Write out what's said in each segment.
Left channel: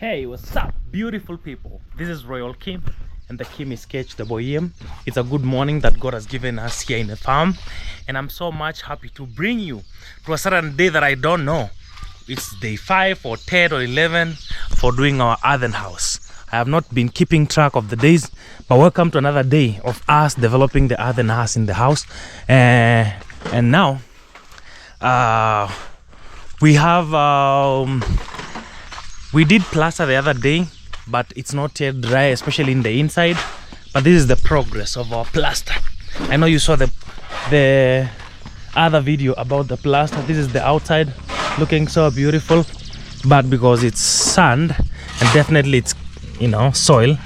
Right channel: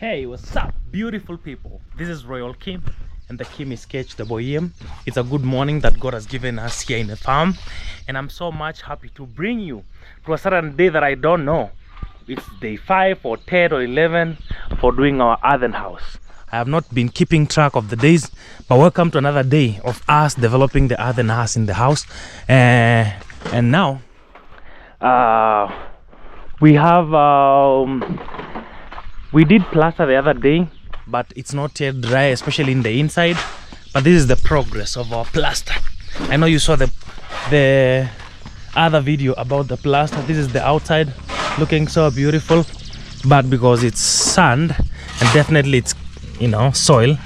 Hey, what's up, beautiful people? This is Royal Kim, and the Kim is Sketch the Bohem. It's a good morning that God has given us here in the farm, and I'm so much happy to bring you to a certain day that I don't know. It's day 5 or 10 or 11 for doing our earthen house. I have not been keeping track of the days, but welcome to another day of us developing the earthen house in the house. And now we have we did plaster the other day, but it's not yet dry, especially in the inside. But this is the progress of our plaster. I know you saw the other video about the plaster. This is the outside, looking so beautiful, but because it's sand and definitely it's, you know, soil,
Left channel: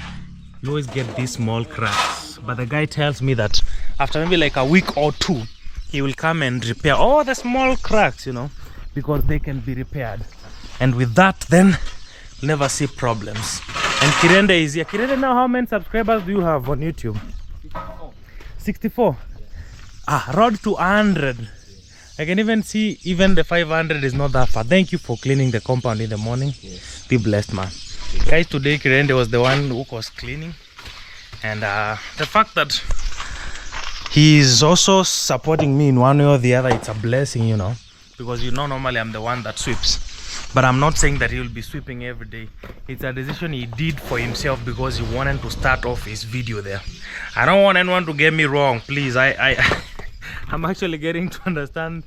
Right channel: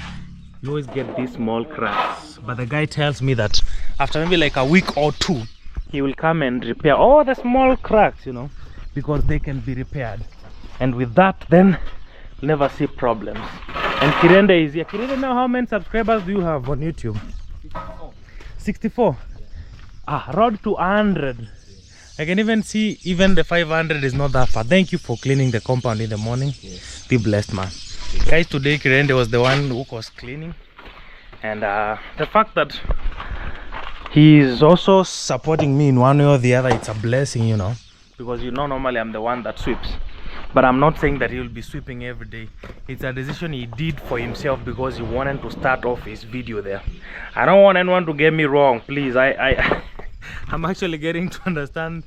you always get these small cracks. But the guy tells me that after maybe like a week or two, he will come and repair all the small cracks, you know, because they can be repaired. And with that, then you'll never see problems. And Kirende is here. Kirende, now how many subscribers do you have on YouTube? 64. Ah, road to 100. I can even see even the 500 is not that far. Thank you for cleaning the compound in the morning. Yes. Be blessed, man. Yes. Guys, today Kirende was the one who was cleaning. And the fact that he is also supporting me in one way or the other, it's a blessing, you know. Because you know, normally I'm the one that sweeps. But I'm not saying that he will be sweeping every day. It's a decision he did for himself because he wanted to start off his video there. I don't want anyone to get me wrong, please. I'm actually getting to understand,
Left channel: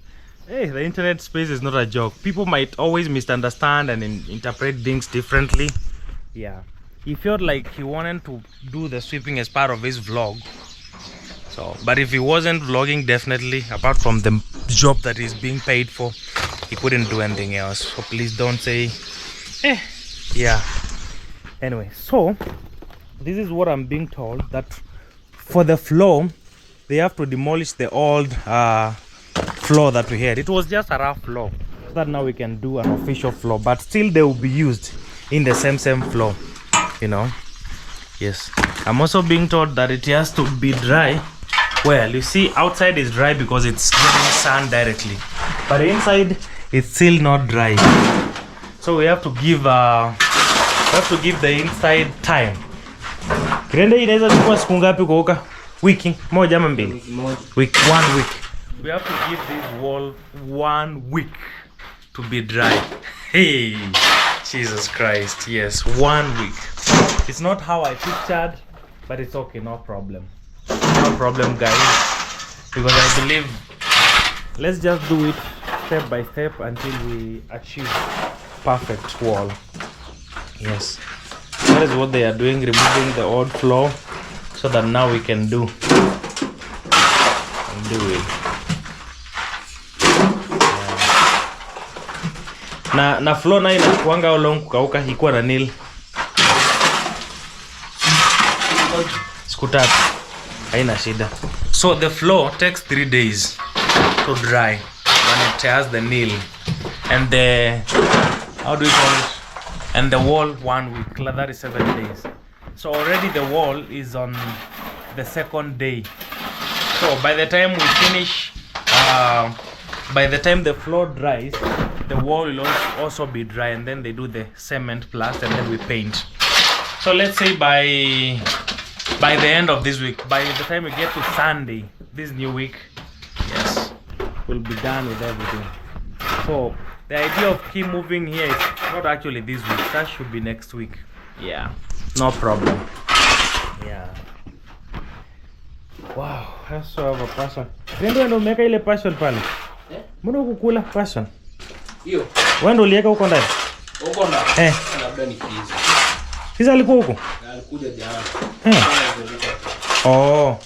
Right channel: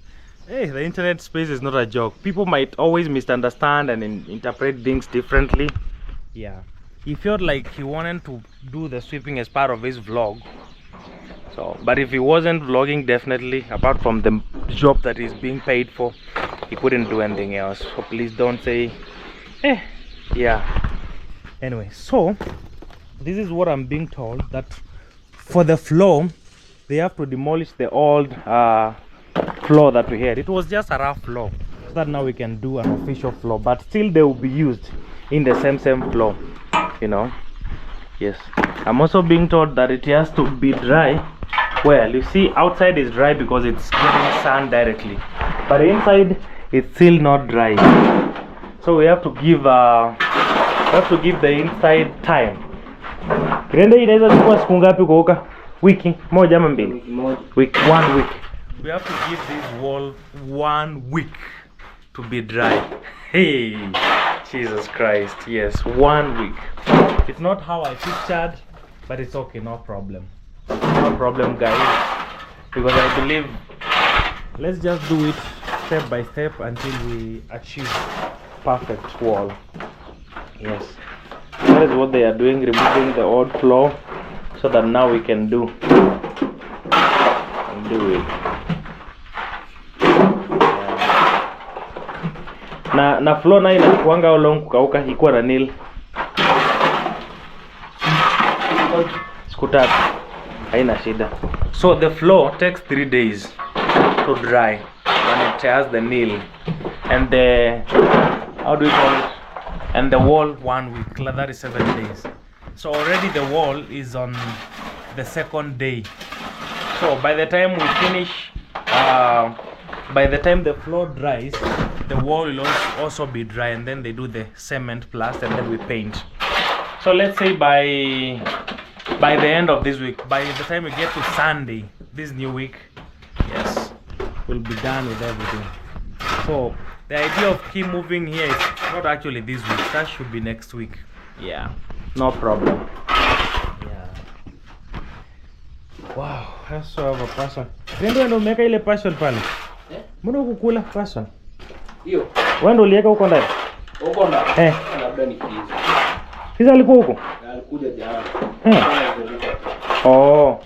hey, the internet space is not a joke. People might always misunderstand and interpret things differently. Yeah, he felt like he wanted to do the sweeping as part of his vlog. So, but if he wasn't vlogging, definitely, apart from the job that he's being paid for, he couldn't do anything else. So please don't say, yeah. Anyway, so this is what I'm being told, that for the floor, they have to demolish the old floor that we had. It was just a rough floor, so that now we can do an official floor, but still they will be used in the same floor, you know. Yes, I'm also being told that it has to be dry. Well, you see, outside is dry because it's getting sun directly, but inside it's still not dry. So we have to give the inside time. Kirende inaweza chukua siku ngapi kuoka? Wiki moja ama mbili? Week, 1 week. We have to give this wall 1 week to be dry. Hey, Jesus Christ. Yes, 1 week. It's not how I pictured, but it's okay, no problem. No problem, guys, because I believe let's just do it step by step until we achieve perfect wall. Yes, that is what they are doing, removing the old floor so that now we can do it. Na floor na inachukuanga how long kukauka ikuwa na nil siku tatu, haina shida. So the floor takes 3 days to dry when it has the nail, and the, how do we call it, and the wall 1 week. That is 7 days. So already the wall is on the 2nd day. So by the time we finish, by the time the floor dries, the wall will also be dry, and then they do the cement plaster and then we paint. So let's say by the end of this week, by the time we get to Sunday, this new week, yes, we'll be done with everything. So the idea of keep moving here is not actually this week, that should be next week. Yeah, no problem. Yeah. Wow, I also have a passion. Ndio umeka ile passion pale. Mbona ukukula passion? Hiyo. Wewe ndio uliweka huko ndani? Huko ndani. Labda ni kizi. Kizi alikuwa huko? Alikuja jana. Oh,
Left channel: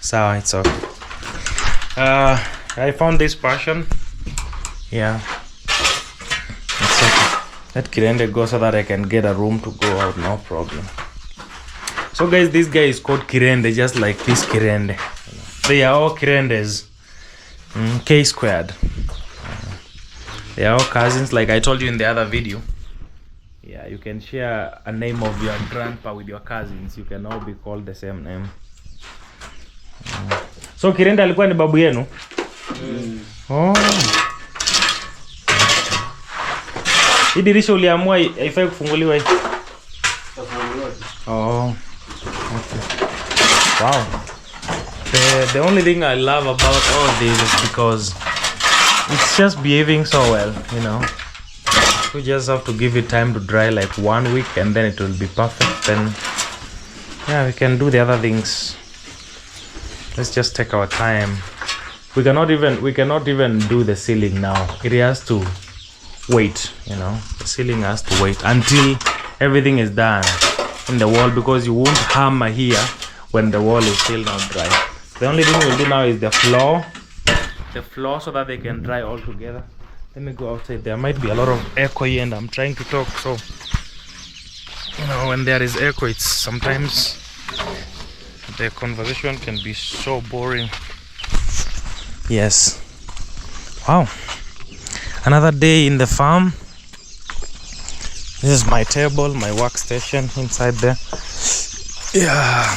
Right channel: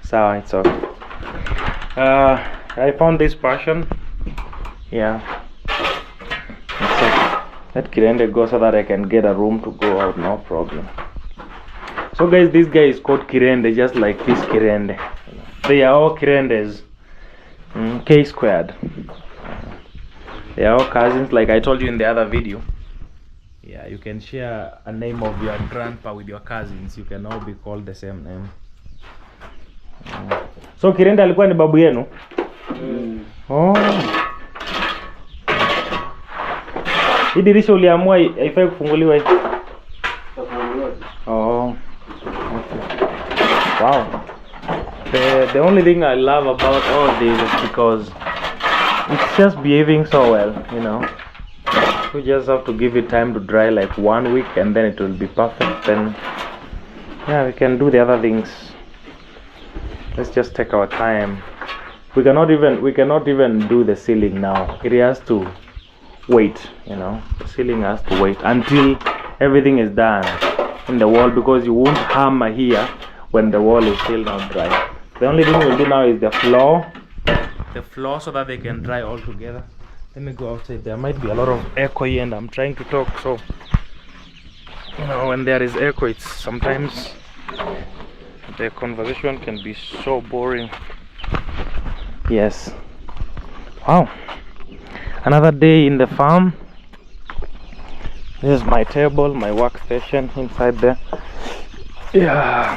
so it's okay. I found this passion. Yeah, it's okay. Let Kirende go so that I can get a room to go out, no problem. So guys, this guy is called Kirende, just like this Kirende. They are all Kirendes. K squared. They are all cousins, like I told you in the other video. Yeah, you can share a name of your grandpa with your cousins. You can all be called the same name. So Kirende alikuwa ni babu yenu? Oh. Hii dirisha uliamua haifai kufunguliwa hii. Oh. Okay. Wow. The only thing I love about all this is because it's just behaving so well, you know. We just have to give it time to dry like 1 week and then it will be perfect. Then yeah, we can do the other things. Let's just take our time. We cannot even do the ceiling now. It has to wait, you know. The ceiling has to wait until everything is done in the wall, because you won't hammer here when the wall is still not dry. The only thing we'll do now is the floor, so that they can dry all together. Let me go outside. There might be a lot of echo here and I'm trying to talk, so you know, when there is echo, it's sometimes the conversation can be so boring. Yes. Wow. Another day in the farm. This is my table, my workstation inside there. Yeah.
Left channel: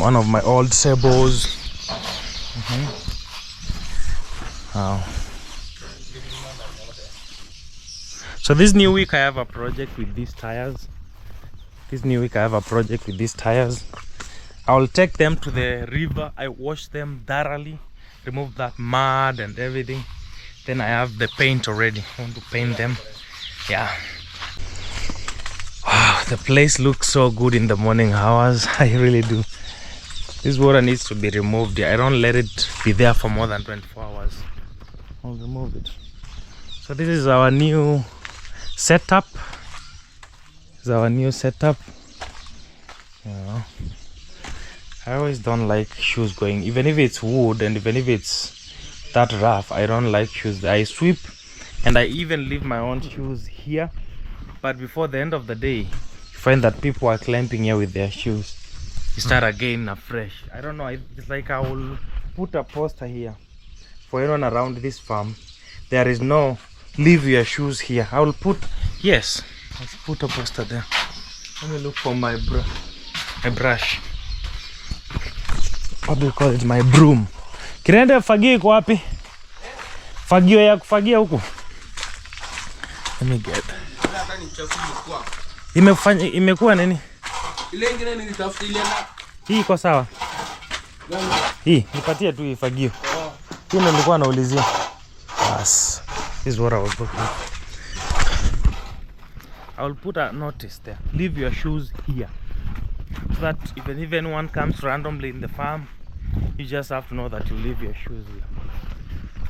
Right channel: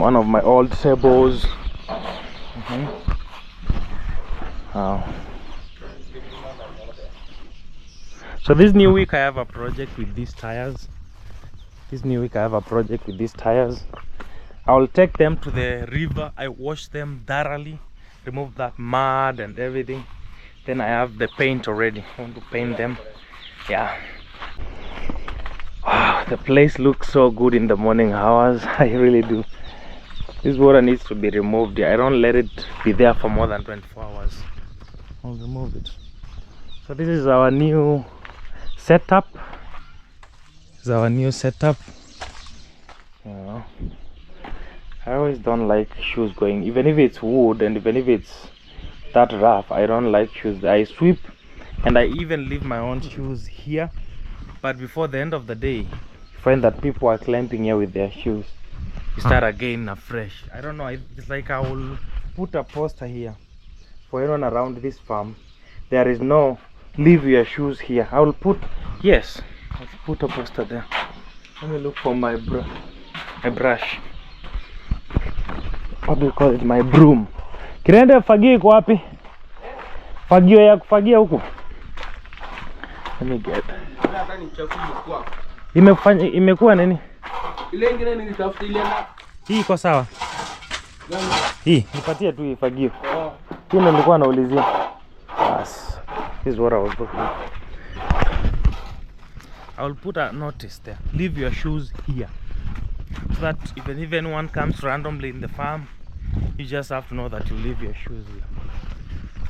One of my old tables. Wow. So this new week I have a project with these tires. I'll take them to the river. I wash them thoroughly, remove that mud and everything. Then I have the paint already. I want to paint them. Yeah. Wow, the place looks so good in the morning hours. I really do. This water needs to be removed. I don't let it be there for more than 24 hours. I'll remove it. So this is our new setup. Yeah. I always don't like shoes going, even if it's wood and even if it's that rough, I don't like shoes. I sweep and I even leave my own shoes here, but before the end of the day you find that people are clamping here with their shoes. You start again afresh. I don't know, it's like I will put a poster here for anyone around this farm. There is no leave your shoes here. I will put, yes, I'll put a poster there. Let me look for my brush. What do you call it? My broom. Kirende fagio iko wapi? Fagio ya kufagia huku. Let me get. Imekuwa nini? Ile ingine nilitafuta ile na. Hii iko sawa? Hii nipatie tu hii fagio. Hii ndio nilikuwa naulizia. Yes. This is what I was looking for. I will put a notice there. Leave your shoes here. So that if anyone comes randomly in the farm, you just have to know that you leave your shoes here.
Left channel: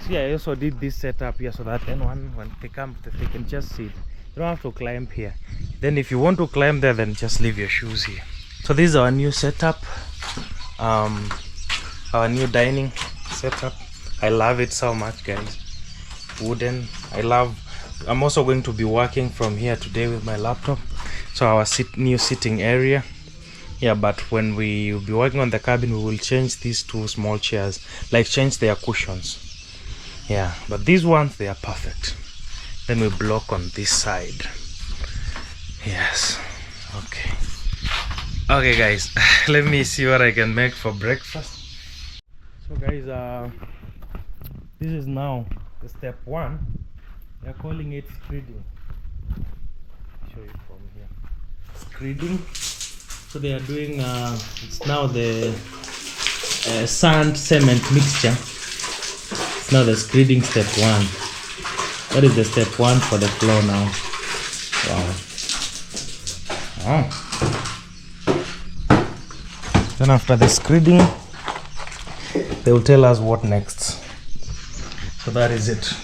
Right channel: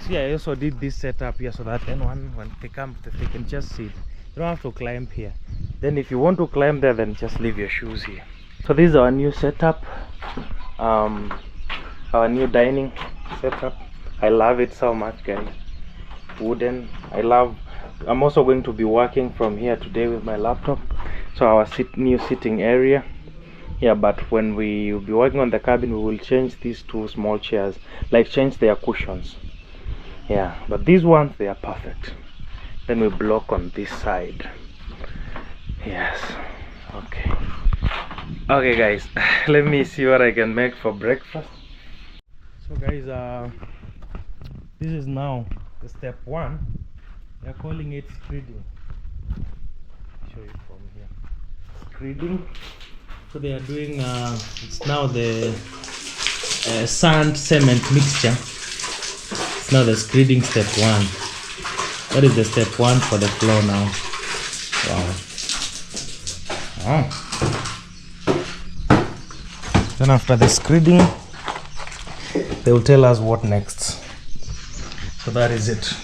See, I also did this setup here so that anyone, when they come, they can just sit. You don't have to climb here. Then if you want to climb there, then just leave your shoes here. So this is our new setup, our new dining setup. I love it so much, guys. Wooden. I'm also going to be working from here today with my laptop. So our new sitting area. Yeah, but when we will be working on the cabin, we will change these two small chairs, like change their cushions. Yeah, but these ones, they are perfect. Then we block on this side. Yes. Okay guys, let me see what I can make for breakfast. So guys, this is now the step 1. They're calling it screeding. Show you from here. Screeding. So they are doing it's now the sand cement mixture. It's now the screeding step 1. That is the step 1 for the floor now. Wow. Then after the screeding, they will tell us what next. So that is it.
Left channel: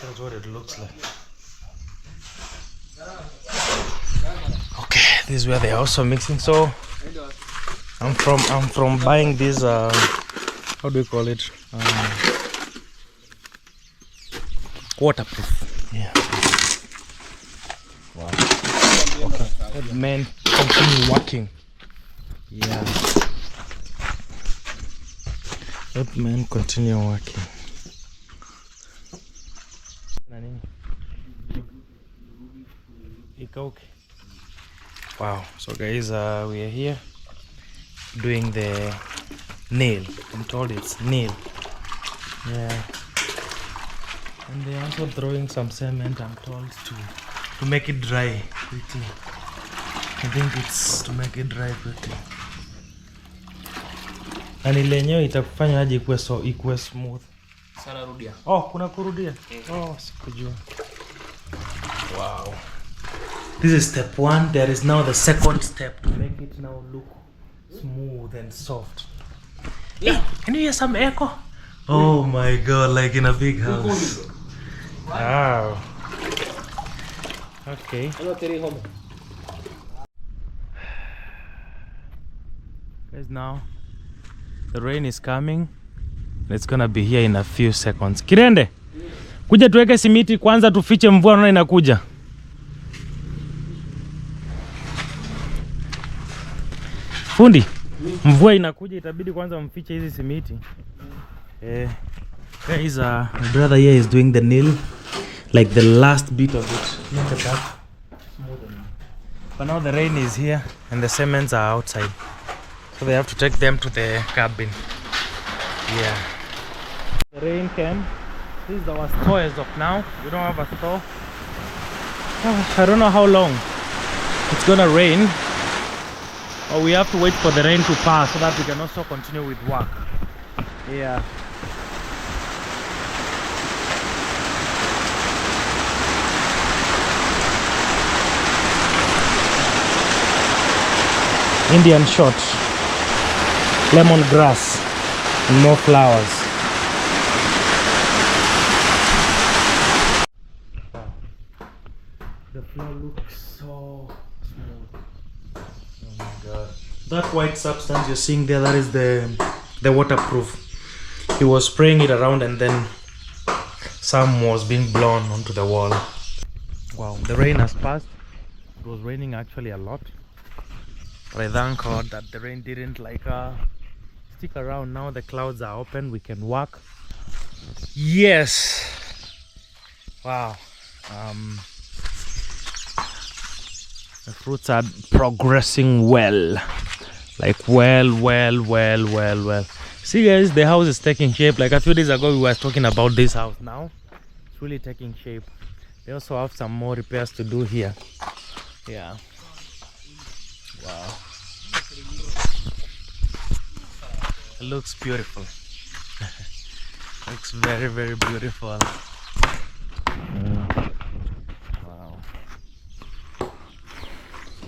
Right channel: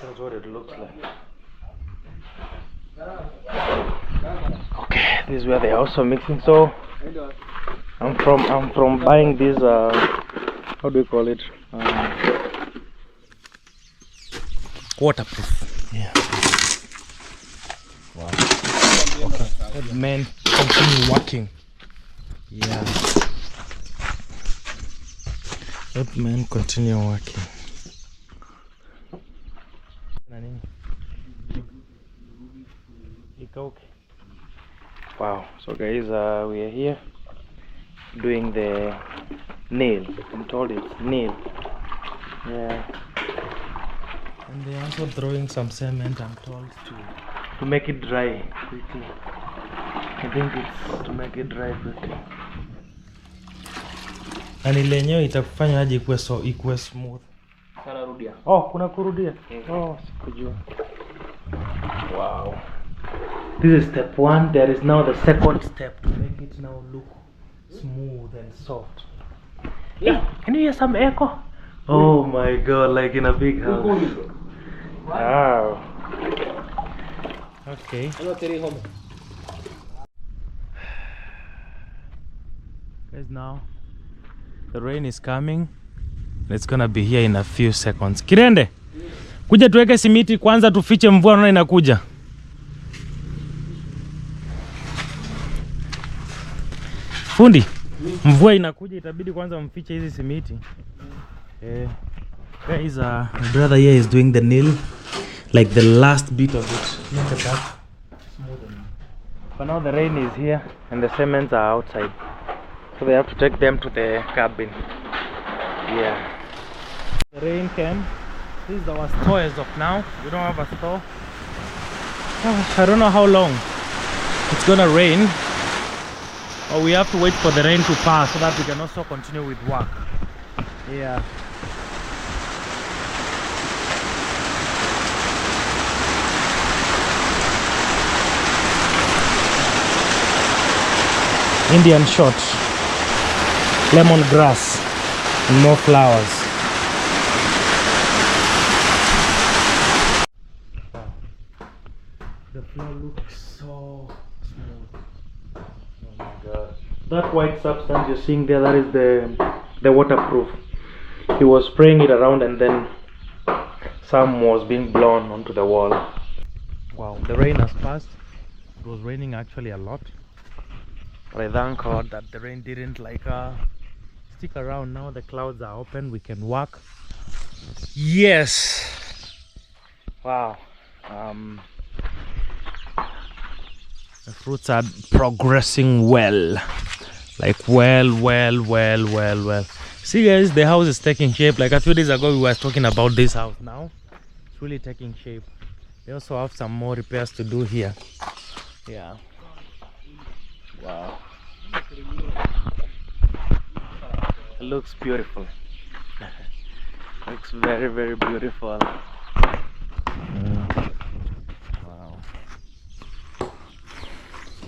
That's what it looks like. Okay, this is where they are also mixing. So I'm from buying this how do you call it, waterproof. Yeah. Wow. Okay. Let men continue working. Yeah. Let men continue working. Wow. So guys, we are here doing the nail. I'm told it's nail. Yeah. And they're also throwing some cement, I'm told, to make it dry quickly. I think it's to make it dry quickly. Na ile yenyewe itakufanya aje ikuwe smooth. Sana rudia. Oh, kuna kurudia. Oh, sikujua. Wow. This is step 1. There is now the second step to make it now look smooth and soft. Yeah. Hey, can you hear some echo? Oh my god, like in a big house. Wow. Okay. Guys, now the rain is coming. It's gonna be here in a few seconds. Kirende, kuja tuweke simiti kwanza tufiche mvua naona inakuja. Fundi, mvua inakuja itabidi kwanza mfiche hizi simiti. Guys, my brother here is doing the nail, like the last bit of it. Look at that. But now the rain is here and the cements are outside. So they have to take them to the cabin. Yeah. The rain came. This is our store as of now. We don't have a store. I don't know how long it's gonna rain. Or we have to wait for the rain to pass so that we can also continue with work. Yeah. Indian shot, lemongrass, and more flowers. Wow. The floor looks so smooth. Oh my god. That white substance you're seeing there, that is the waterproof. He was spraying it around and then some was being blown onto the wall. Wow, the rain has passed. It was raining actually a lot. But I thank God that the rain didn't stick around. Now the clouds are open, we can walk. Yes. Wow. The fruits are progressing well. Like well. See guys, the house is taking shape. Like a few days ago we were talking about this house. Now it's really taking shape. They also have some more repairs to do here. Yeah. Wow. It looks beautiful. Looks very beautiful. Wow.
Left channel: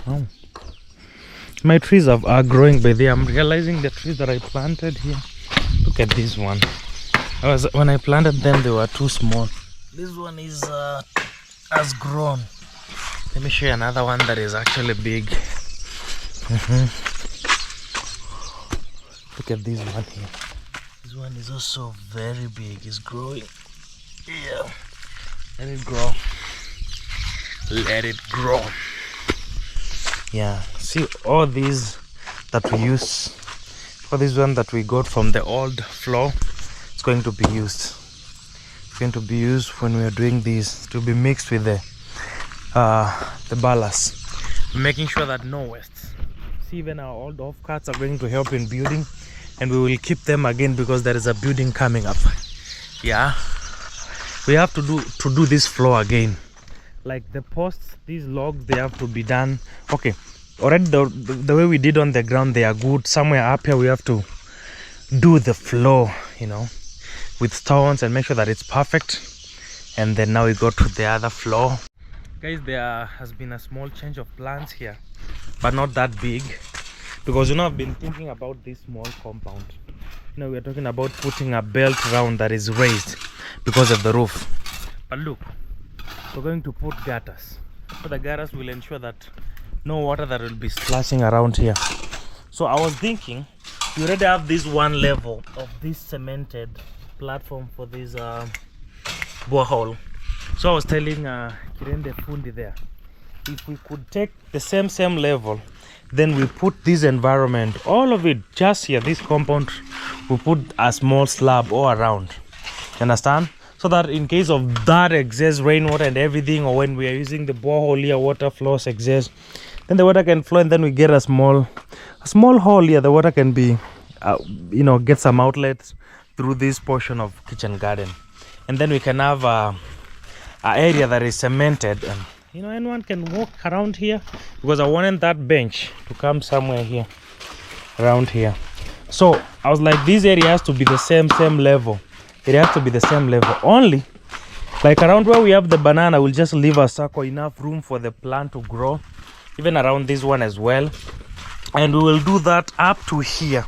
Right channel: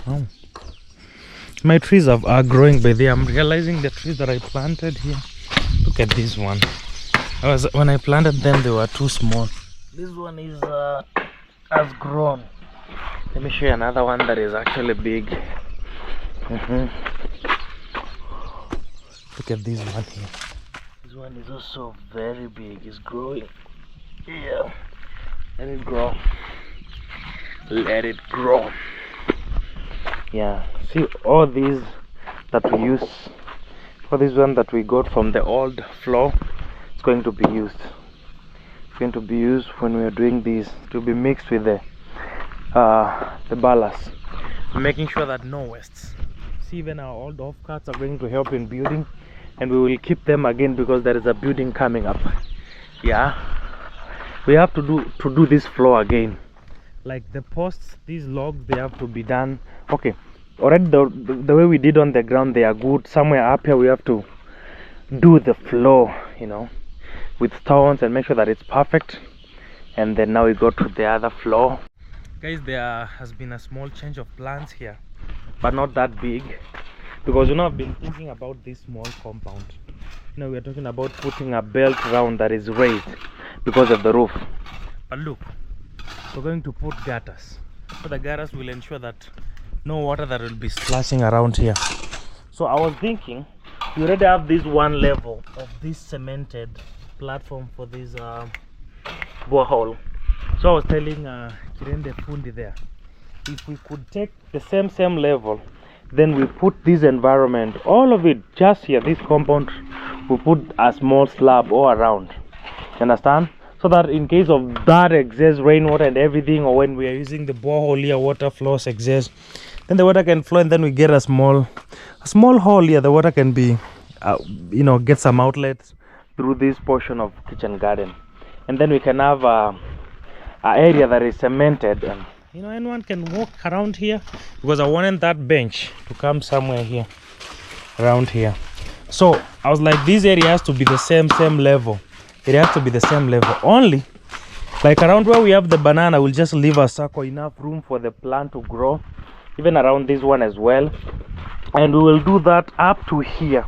Oh. My trees are growing by there. I'm realizing the trees that I planted here. Look at this one. When I planted them, they were too small. This one has grown. Let me show you another one that is actually big. Look at this one here. This one is also very big. It's growing. Yeah. Let it grow. Let it grow. Yeah. See all these that we use. For this one that we got from the old floor, it's going to be used. It's going to be used when we are doing this to be mixed with the ballast, making sure that no wastes. See, even our old offcuts are going to help in building, and we will keep them again because there is a building coming up. Yeah, we have to do this floor again. Like the posts, these logs, they have to be done. Okay, already the way we did on the ground, they are good. Somewhere up here we have to do the floor, you know, with stones and make sure that it's perfect. And then now we go to the other floor. Guys, there has been a small change of plans here, but not that big, because you know I've been thinking about this small compound. You know, we're talking about putting a belt round that is raised because of the roof. But look, we're going to put gutters. So the gutters will ensure that no water that will be splashing around here. So I was thinking, we already have this one level of this cemented platform for this borehole. So I was telling Kirende Fundi there, if we could take the same level, then we put this environment, all of it just here, this compound, we put a small slab all around. You understand? So that in case of that excess rainwater and everything, or when we are using the borehole here, water flows excess, then the water can flow, and then we get a small hole here. The water can be, you know, get some outlets through this portion of kitchen garden. and then we can have a area that is cemented, and you know, anyone can walk around here, because I wanted that bench to come somewhere here around here. So I was like, this area has to be the same level. It has to be the same level. Only like around where we have the banana, we'll just leave a circle, enough room for the plant to grow, even around this one as well. And we will do that up to here,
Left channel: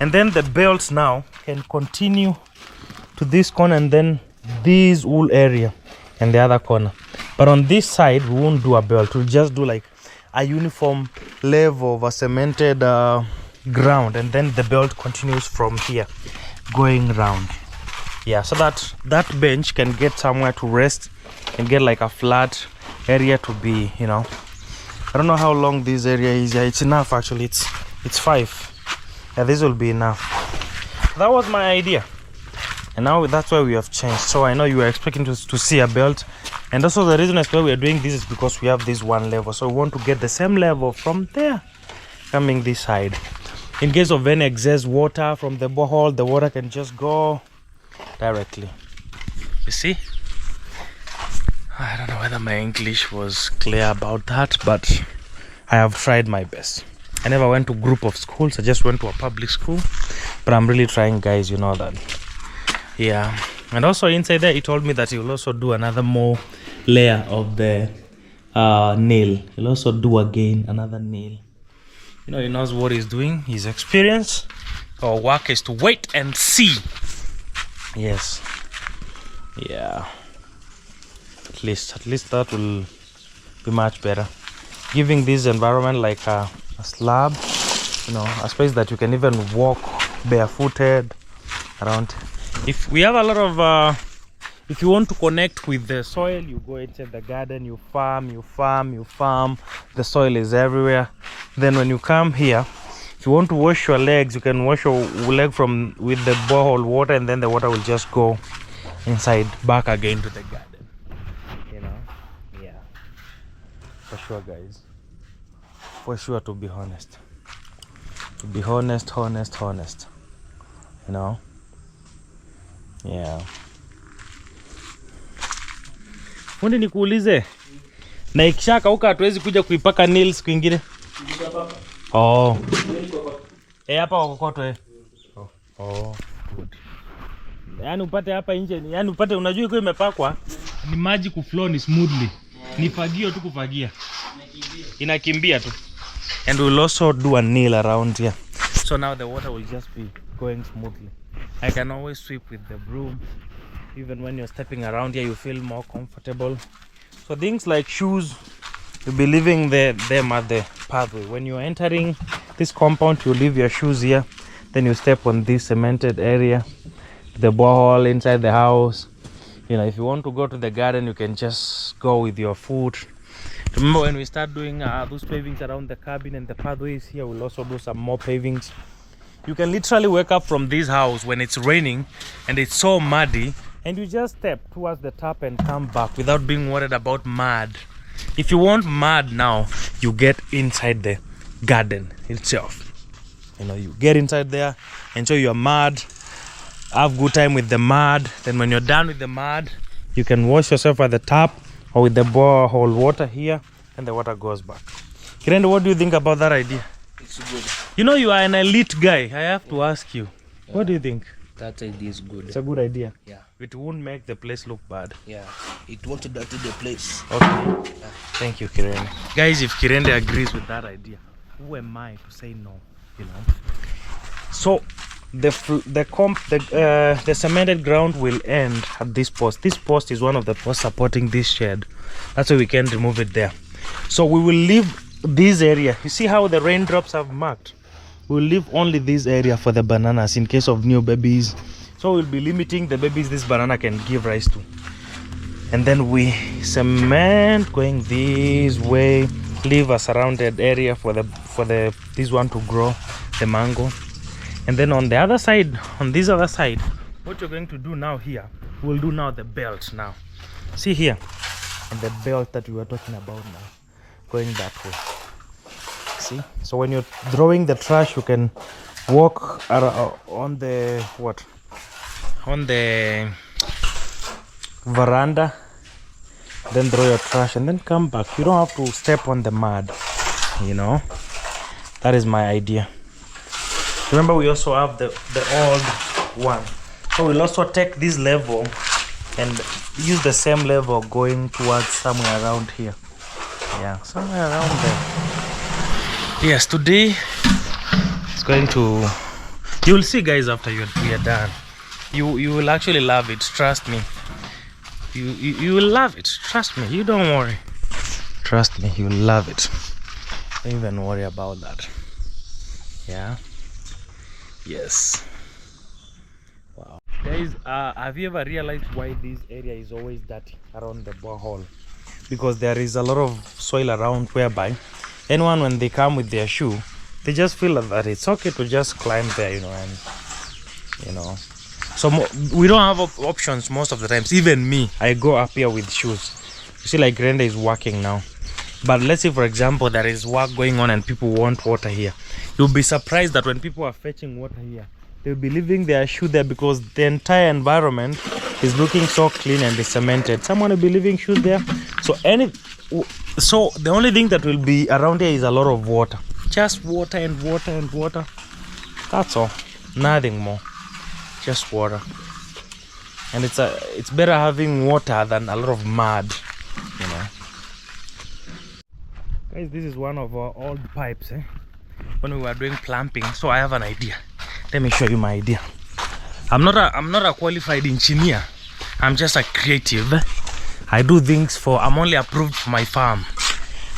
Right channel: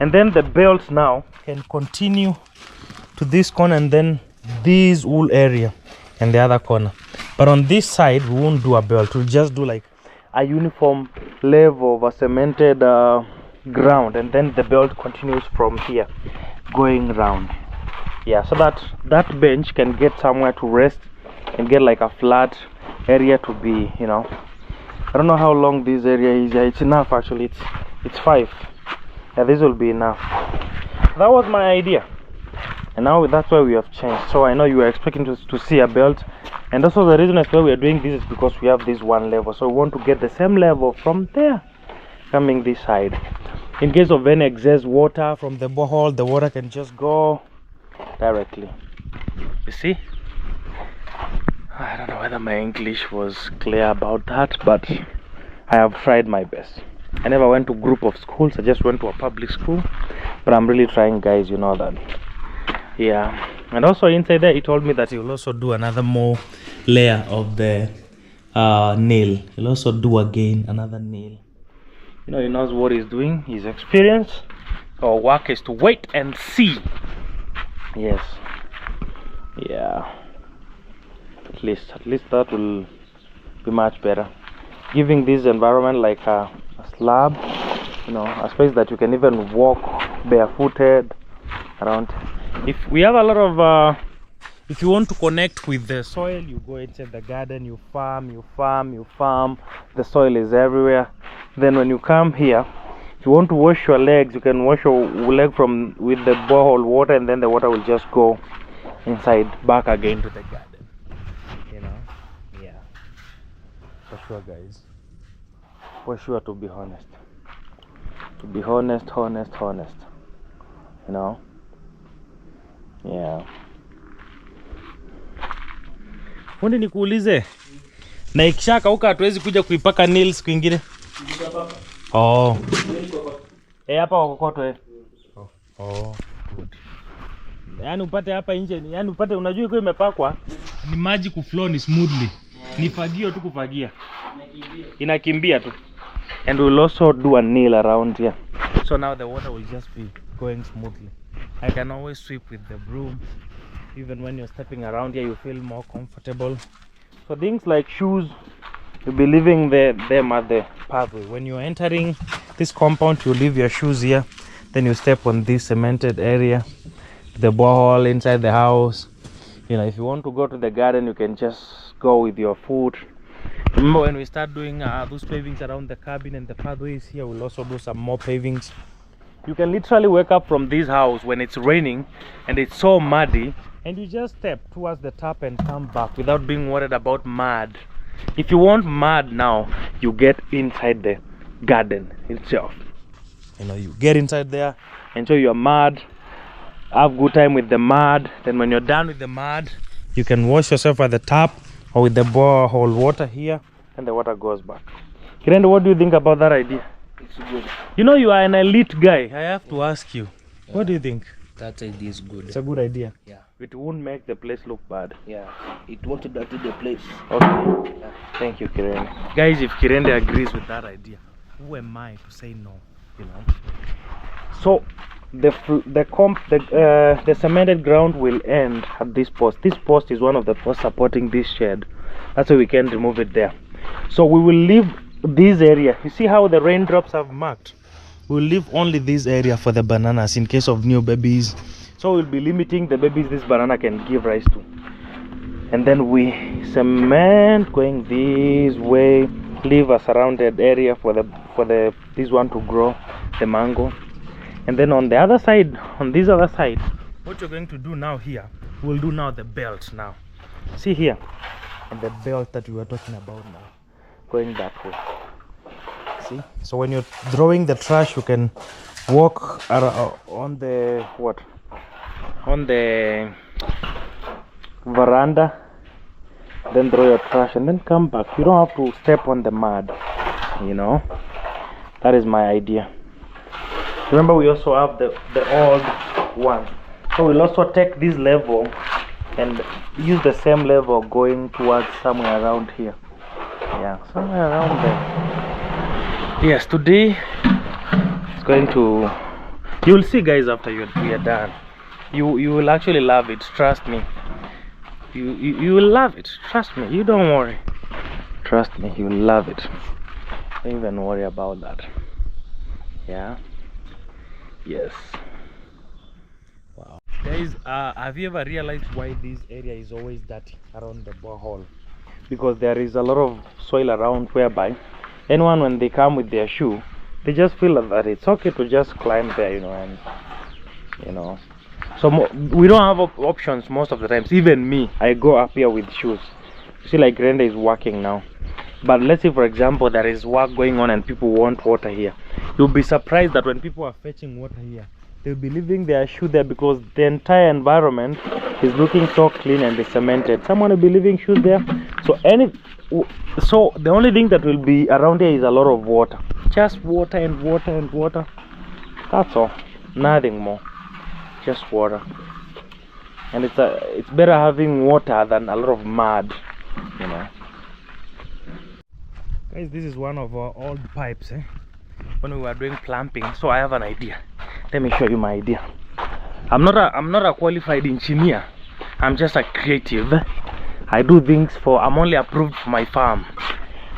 and then the belts now can continue to this corner, and then this whole area and the other corner. But on this side we won't do a belt, we'll just do like a uniform level of a cemented ground, and then the belt continues from here going round. Yeah, so that that bench can get somewhere to rest and get like a flat area to be, you know. I don't know how long this area is. Yeah, it's enough actually. It's 5. Yeah, this will be enough. That was my idea, and now that's why we have changed. So I know you were expecting to see a belt, and also the reason as well we are doing this is because we have this one level, so we want to get the same level from there coming this side. In case of any excess water from the borehole, the water can just go directly. You see, I don't know whether my English was clear about that, but I have tried my best. I never went to group of schools, I just went to a public school, but I'm really trying, guys, you know that. Yeah, and also inside there he told me that he will also do another more layer of the nail. He'll also do again another nail. You know, he knows what he's doing, his experience. Our work is to wait and see. Yes. Yeah, at least that will be much better, giving this environment like a slab, you know, a space that you can even walk barefooted around. If we have a lot of if you want to connect with the soil, you go inside the garden, you farm, the soil is everywhere. Then when you come here, if you want to wash your legs, you can wash your leg from with the borehole water, and then the water will just go inside back again to the garden, you know. Yeah, for sure, guys, for sure. To be honest, you know. Yeah. Fundi, nikuulize, na ikishakauka hatuwezi kuja kuipaka nails kwingine? Oh, hapa kokoto Oh, good. Yani upate hapa nje, yani upate, unajua iko imepakwa ni maji kuflow ni smoothly. Ni fagio tu kufagia. Inakimbia tu. And we'll also do a nail around here. So now the water will just be going smoothly. I can always sweep with the broom. Even when you're stepping around here, you feel more comfortable. So things like shoes, you'll be leaving them at the pathway. When you're entering this compound, you leave your shoes here. Then you step on this cemented area, the borehole inside the house. You know, if you want to go to the garden, you can just go with your foot. Remember when we start doing those pavings around the cabin and the pathways here, we'll also do some more pavings. You can literally wake up from this house when it's raining and it's so muddy, and you just step towards the tap and come back without being worried about mud. If you want mud now, you get inside the garden itself. You know, you get inside there, enjoy your mud, have good time with the mud. Then when you're done with the mud, you can wash yourself at the tap or with the borehole water here, and the water goes back. Kirende, what do you think about that idea? It's good. You know, you are an elite guy. I have to ask you, what do you think? That idea is good. It's a good idea. Yeah. It won't make the place look bad. Yeah. It won't dirty the place. Okay. Yeah. Thank you, Kirende. Guys, if Kirende agrees with that idea, who am I to say no? You know. So the cemented ground will end at this post. This post is one of the posts supporting this shed. That's why we can remove it there. So we will leave this area. You see how the raindrops have marked? We'll leave only this area for the bananas in case of new babies. So we'll be limiting the babies this banana can give rise to. And then we cement going this way, leave a surrounded area for this one to grow, the mango. And then on the other side, on this other side, what you're going to do now here, we'll do now the belt now. See here, and the belt that we were talking about now, going that way. See, so when you're throwing the trash, you can walk on the veranda, then throw your trash and then come back. You don't have to step on the mud, you know. That is my idea. Remember, we also have the old one, so we'll also take this level and use the same level going towards somewhere around here. Yeah, somewhere around there. Yes, today it's going to, you will see guys after we are done. You will actually love it, trust me. You will love it, trust me. You don't worry, trust me, you will love it. Don't even worry about that. Yeah. Yes. Wow. Guys, have you ever realized why this area is always dirty around the borehole? Because there is a lot of soil around, whereby anyone, when they come with their shoe, they just feel that it's okay to just climb there, you know, and you know. So we don't have options most of the times. Even me, I go up here with shoes. You see, like Renda is working now. But let's say, for example, there is work going on and people want water here. You'll be surprised that when people are fetching water here, they'll be leaving their shoe there because the entire environment is looking so clean and cemented. Someone will be leaving shoes there. So the only thing that will be around here is a lot of water. Just water and water and water. That's all. Nothing more. Just water. And it's better having water than a lot of mud, you know. Guys, this is one of our old pipes, when we were doing plumbing. So I have an idea. Let me show you my idea. I'm not a qualified engineer. I'm just a creative. I do things I'm only approved for my farm.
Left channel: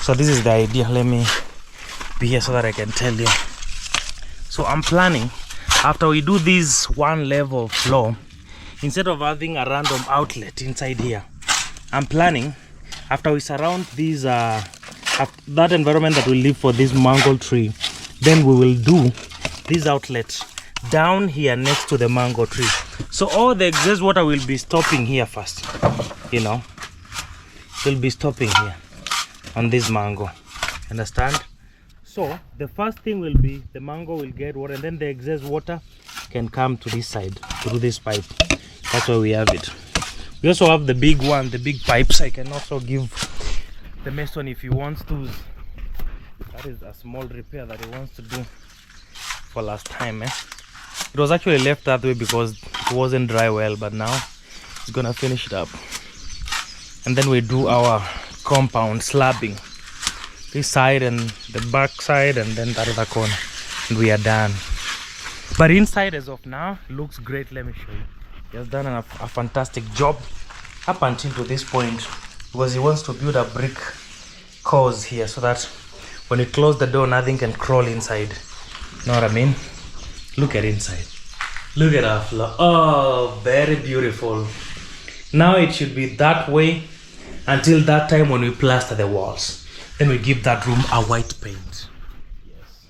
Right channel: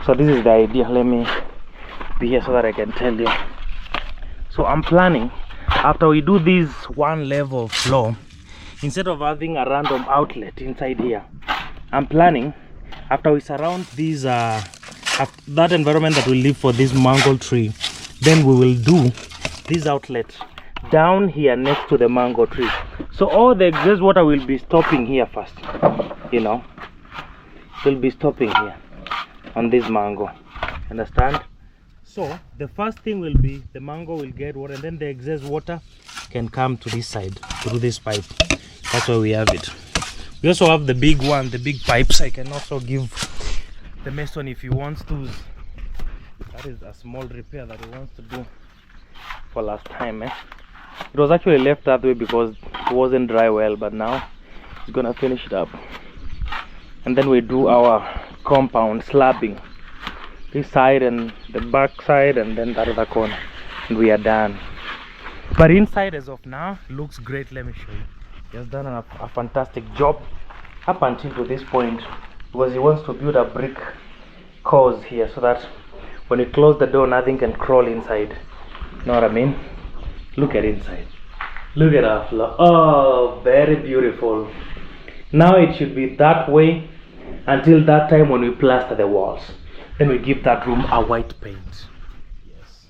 So this is the idea. Let me be here so that I can tell you. So I'm planning, after we do this one level floor, instead of having a random outlet inside here, I'm planning, after we surround these that environment that we live for this mango tree, then we will do this outlet down here next to the mango tree. So all the excess water will be stopping here first, you know. Will be stopping here on this mango, understand? So the first thing will be the mango will get water, and then the excess water can come to this side through this pipe. That's why we have it. We also have the big one, the big pipes. I can also give the mason if he wants to. That is a small repair that he wants to do for last time. It was actually left that way because it wasn't dry well, but now he's gonna finish it up. And then we do our compound slabbing, this side and the back side, and then that other corner, and we are done. But inside, as of now, looks great. Let me show you. He has done a fantastic job up until to this point, because he wants to build a brick cause here so that when you close the door, nothing can crawl inside. You know what I mean? Look at inside. Look at our floor. Oh, very beautiful. Now it should be that way until that time when we plaster the walls. Then we give that room a white paint. Yes.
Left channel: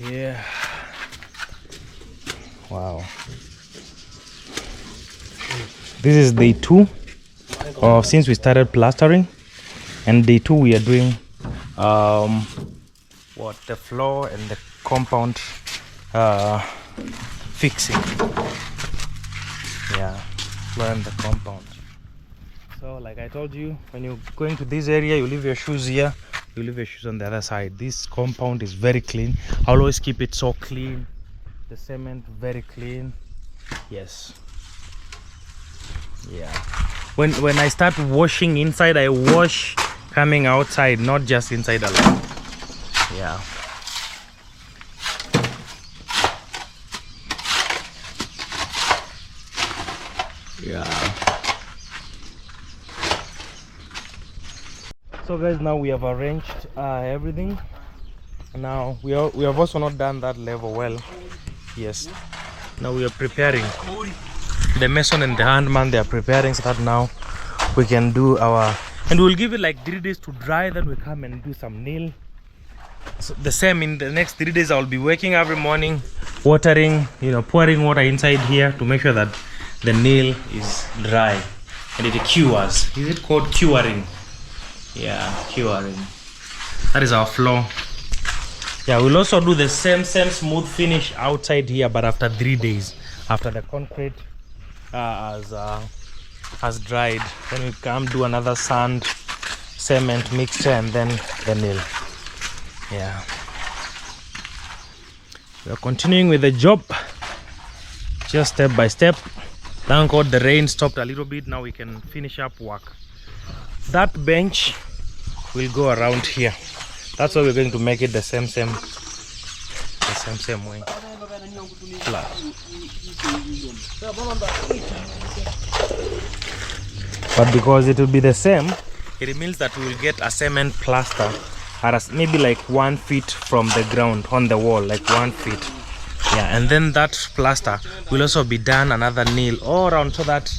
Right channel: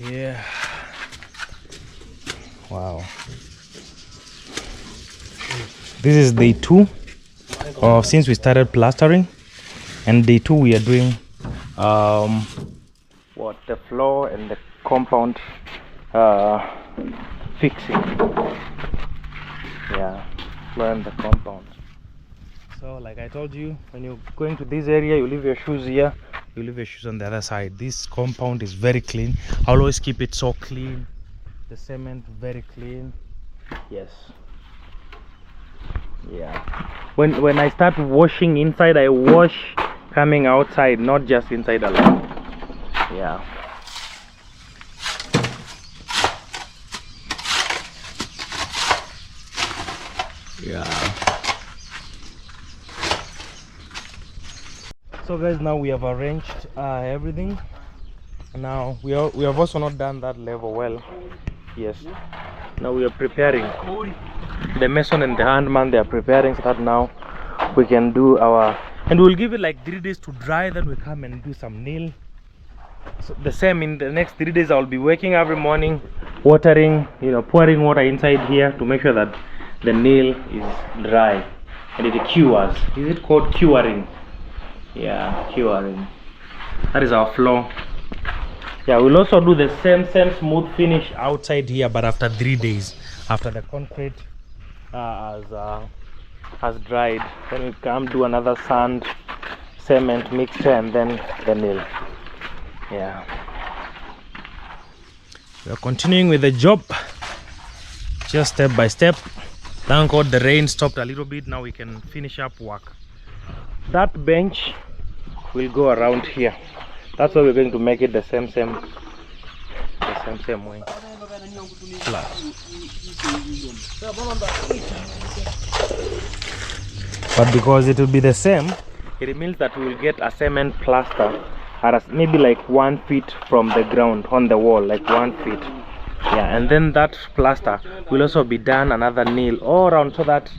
Yeah. Wow. This is day 2 since we started plastering, and day 2 we are doing the floor and the compound fixing. Yeah, floor and the compound. So like I told you, when you're going to this area, you leave your shoes here, you leave your shoes on the other side. This compound is very clean. I always keep it so clean. The cement very clean. Yes. Yeah. When I start washing inside, I wash coming outside, not just inside alone. Yeah. Yeah. So guys, now we have arranged everything. Now we have also not done that level well. Yes. Now we are preparing. The mason and the handman, they are preparing so that now we can do our, and we'll give it like 3 days to dry, then we come and do some nail. So the same in the next 3 days. I'll be working every morning, watering, pouring water inside here to make sure that the nail is dry and it cures. Is it called curing? Yeah, curing. That is our floor. Yeah, we'll also do the same smooth finish outside here, but after 3 days, after the concrete has dried. Then we come do another sand cement mixture and then the nail. Yeah, we are continuing with the job, just step by step. Thank God the rain stopped a little bit. Now we can finish up work. That bench will go around here. That's why we're going to make it the same way. But because it will be the same, it means that we will get a cement plaster at maybe like 1 feet from the ground on the wall, like 1 feet. Yeah, and then that plaster will also be done another nail all around, so that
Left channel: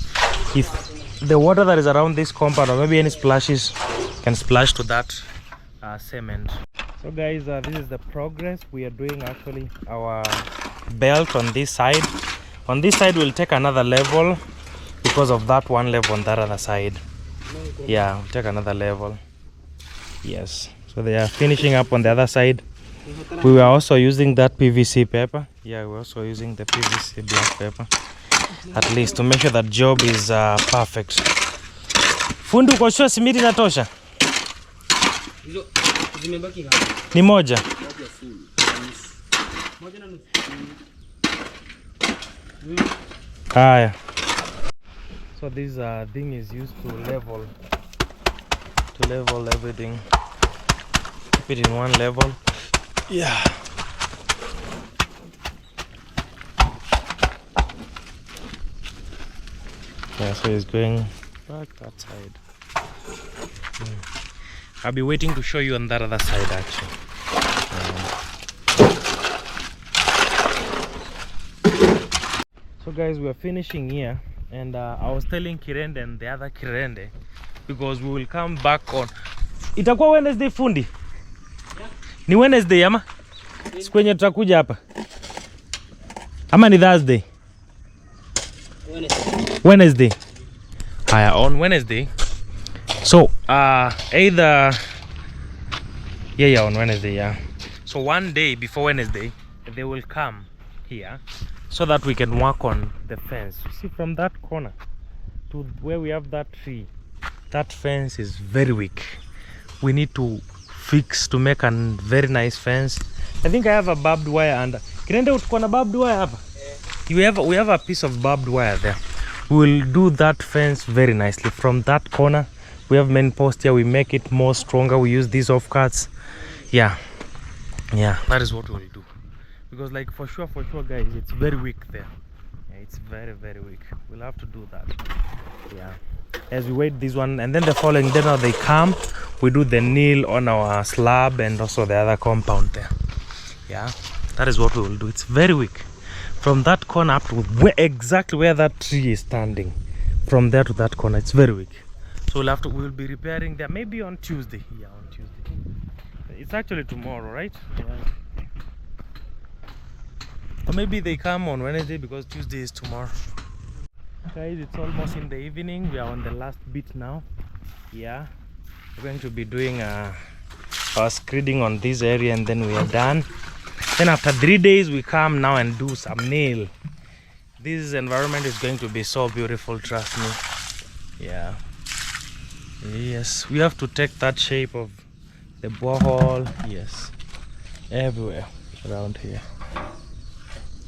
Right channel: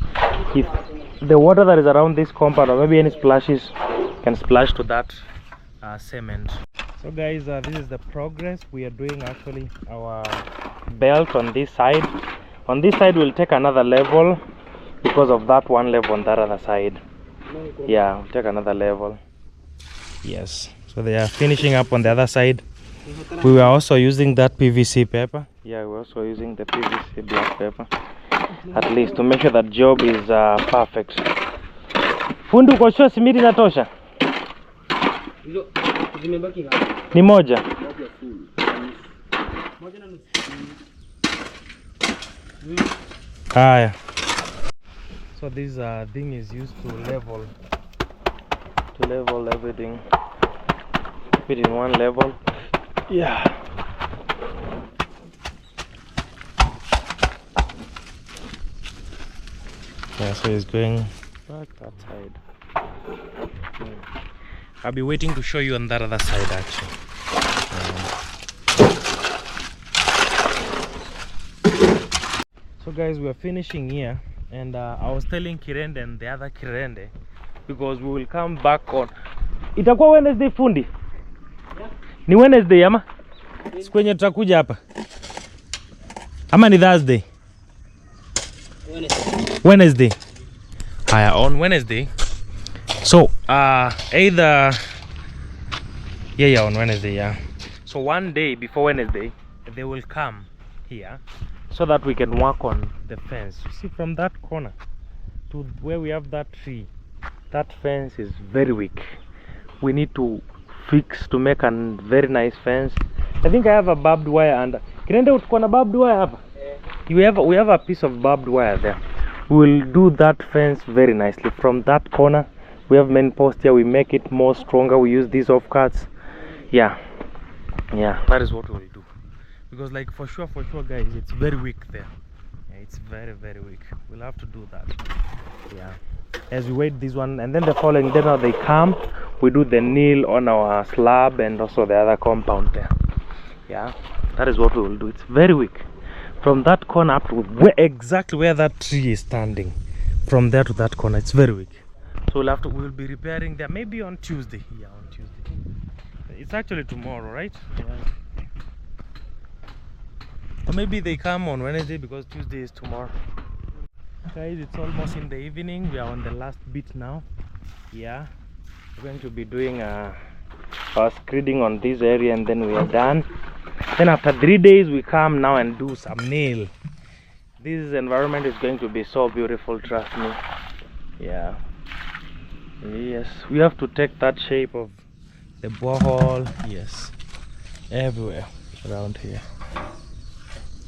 if the water that is around this compound or maybe any splashes can splash to that cement. So guys, this is the progress we are doing. Actually, our belt on this side will take another level because of that one level on that other side. Yeah, we'll take another level. Yes, so they are finishing up on the other side. We were also using that PVC paper. Yeah, we're also using the PVC black paper, at least to make sure that job is perfect. Fundi, uko sure simiti inatosha? Ni moja. Haya. So this thing is used to level everything. Put it in one level. Yeah. Yeah, so it's going back that side. I'll be waiting to show you on that other side actually. So guys, we are finishing here, and I was telling Kirende and the other Kirende, because we will come back on. Itakuwa Wednesday fundi? Yeah. Ni Wednesday ama? Siku yenye tutakuja hapa. Ama ni Thursday? Wednesday. Haya, on Wednesday. So either on Wednesday, yeah. So one day before Wednesday they will come here so that we can work on the fence. You see, from that corner to where we have that tree, that fence is very weak. We need to fix to make a very nice fence. I think I have a barbed wire and Kirende, uko na barbed wire hapa? We have a piece of barbed wire there. We will do that fence very nicely. From that corner we have main post here, we make it more stronger. We use these offcuts. Yeah, that is what we will do, because like for sure guys, it's very weak there. Yeah, it's very weak. We'll have to do that. Yeah, as we wait this one, and then the following day now they come, we do the nail on our slab and also the other compound there. Yeah, that is what we will do. It's very weak. From that corner up to exactly where that tree is standing, from there to that corner, it's very weak. So we'll be repairing there maybe on Tuesday. Yeah, on Tuesday. It's actually tomorrow, right? Yeah. Or maybe they come on Wednesday because Tuesday is tomorrow. Guys, it's almost in the evening. We are on the last bit now. Yeah, we're going to be doing our screeding on this area and then we are done. Then after 3 days we come now and do some nail. This environment is going to be so beautiful, trust me. Yeah. Yes, we have to take that shape of the borehole. Yes, everywhere around here.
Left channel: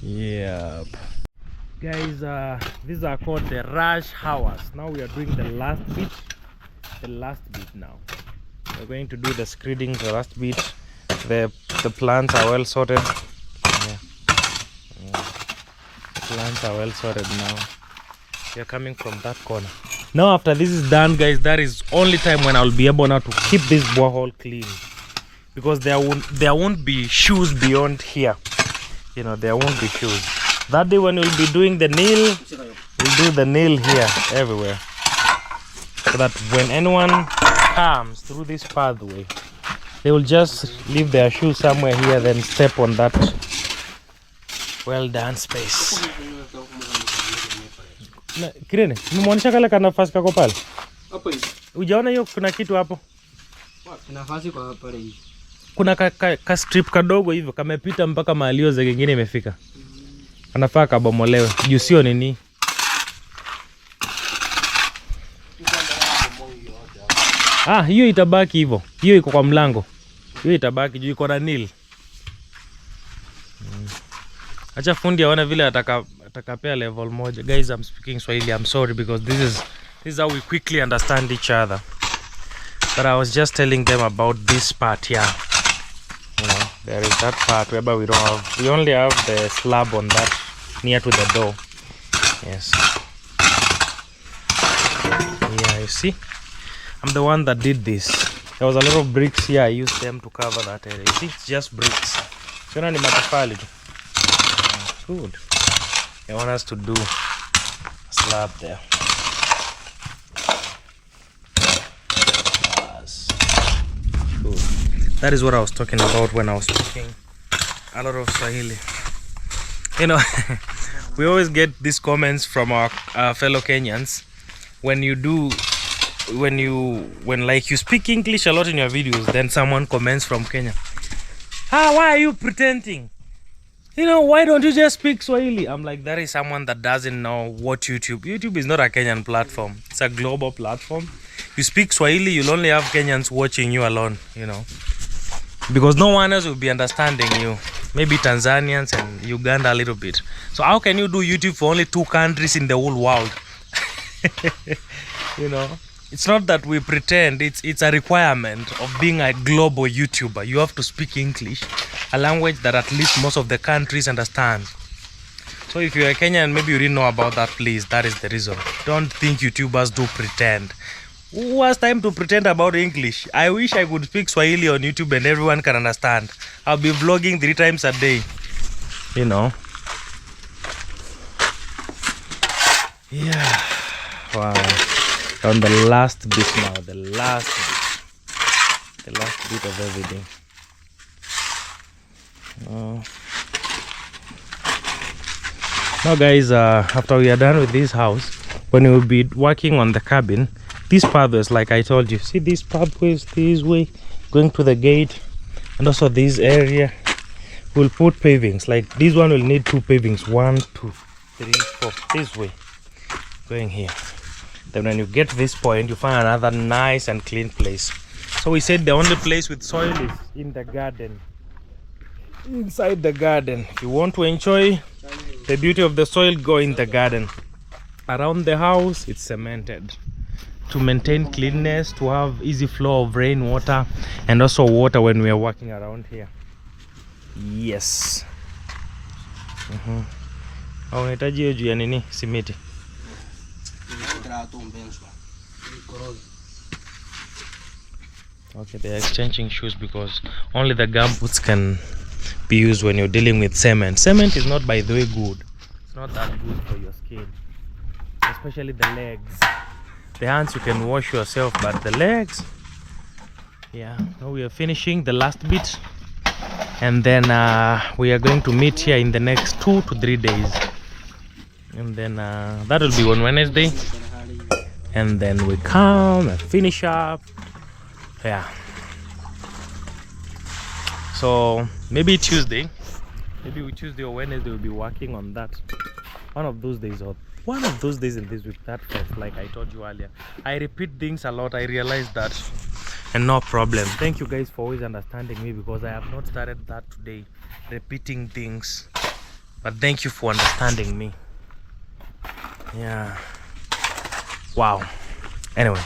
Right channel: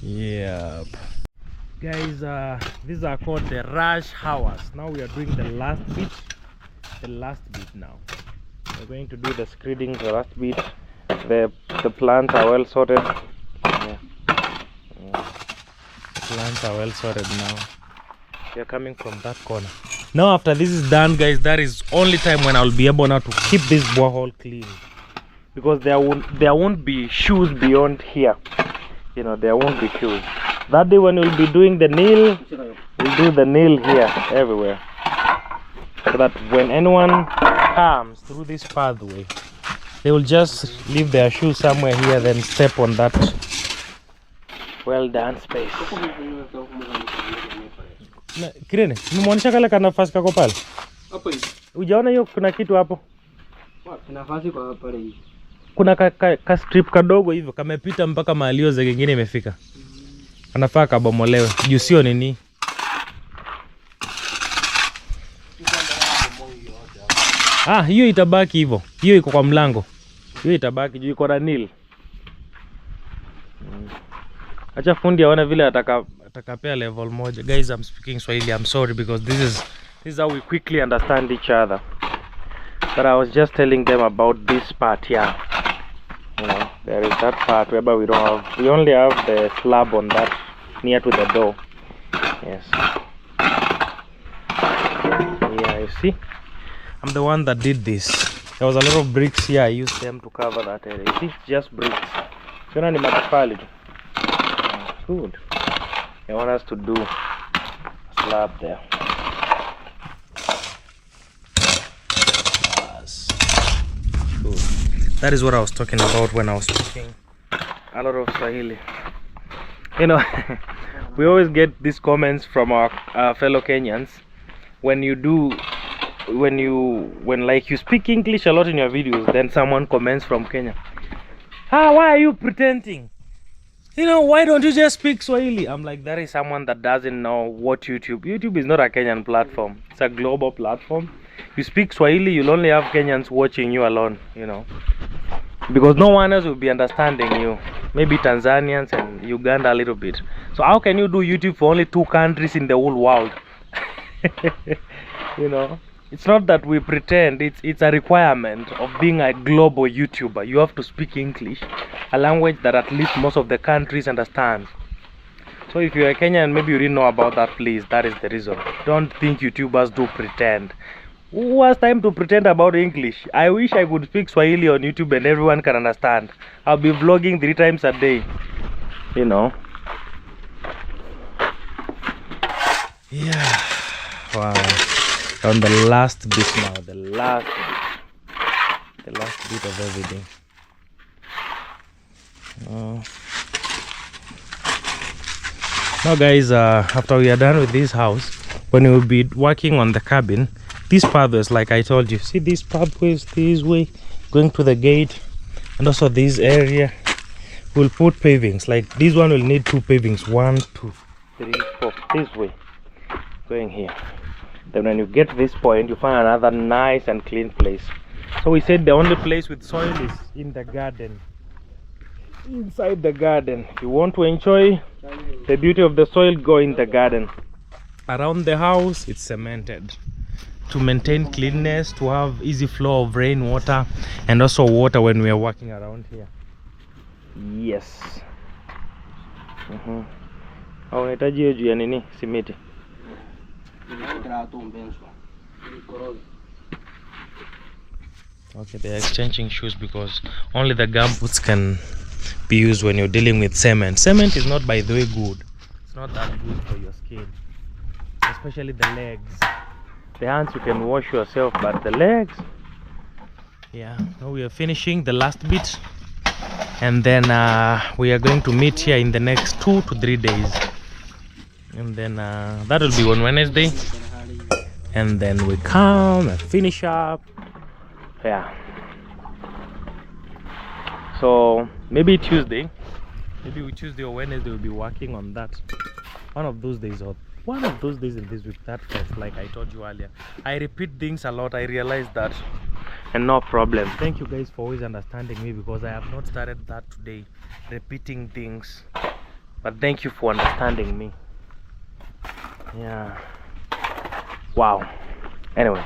Yep. Guys, these are called the rush hours. Now we are doing the last bit now. We're going to do the screeding, the last bit. The plants are well sorted. Yeah. The plants are well sorted now. They are coming from that corner. Now after this is done, guys, that is only time when I'll be able now to keep this borehole clean, because there won't be shoes beyond here. You know, there won't be shoes. That day when we'll be doing the nail, we'll do the nail here everywhere, so that when anyone comes through this pathway, they will just leave their shoes somewhere here, then step on that well done space. Kirene, nimeonyesha kale kana nafasi kako pale. Hapo hivi. Ujaona hiyo kuna kitu hapo? Wapi nafasi kwa pale hivi? Kuna ka strip kadogo hivyo kamepita mpaka mahali hiyo zege nyingine imefika. Anafaa kabomolewe. Juu sio nini? Ah, hiyo itabaki hivyo. Hiyo iko kwa mlango. Hiyo itabaki juu iko na nil. Acha fundi aone vile atakapea level moja. Guys, I'm speaking Swahili. I'm sorry because this is how we quickly understand each other. But I was just telling them about this part here. You know, there is that part whereby we only have the slab on that near to the door. Yes. Yeah, you see? I'm the one that did this. There was a lot of bricks here. I used them to cover that area. You see, it's just bricks. So ni matofali. Good. I want us to do a slab there. Yes. Good. That is what I was talking about when I was speaking a lot of Swahili. You know, we always get these comments from our fellow Kenyans when like you speak English a lot in your videos, then someone comments from Kenya, why are you pretending? You know, why don't you just speak Swahili? I'm like, that is someone that doesn't know what YouTube is not a Kenyan platform. It's a global platform. You speak Swahili, you'll only have Kenyans watching you alone, you know, because no one else will be understanding you. Maybe Tanzanians and Uganda a little bit. So how can you do YouTube for only 2 countries in the whole world? You know, it's not that we pretend. It's a requirement of being a global YouTuber. You have to speak English, a language that at least most of the countries understand. So if you're a Kenyan, maybe you didn't know about that, please, that is the reason. Don't think YouTubers do pretend. Who has time to pretend about English? I wish I could speak Swahili on YouTube and everyone can understand. I'll be vlogging 3 times a day, you know. Yeah. Wow. On the last bit now, the last bit of everything. Now guys, after we are done with this house, when we will be working on the cabin, these pathways, like I told you, see these pathways this way going to the gate, and also this area, we'll put pavings. Like this one will need 2 pavings, 1 2 3 4 this way going here. Then when you get this point, you find another nice and clean place. So we said the only place with soil is in the garden, inside the garden. If you want to enjoy the beauty of the soil, go in the garden. Around the house, it's cemented to maintain cleanness, to have easy flow of rainwater and also water when we are walking around here. Yes. Unahitaji hiyo juu ya nini? Simiti. Okay, they are exchanging shoes because only the gumboots can be used when you're dealing with cement. Cement is not, by the way, good. It's not that good for your skin, especially the legs. The hands you can wash yourself, but the legs, yeah. Now we are finishing the last bit, and then we are going to meet here in the next 2 to 3 days, and then that will be on Wednesday, and then we come and finish up. Yeah, so maybe Tuesday or Wednesday we'll be working on that. One of those days in this week, that fest, like I told you earlier. I repeat things a lot, I realized that, and no problem. Thank you guys for always understanding me, because I have not started that today, repeating things, but thank you for understanding me. Yeah, wow. Anyway,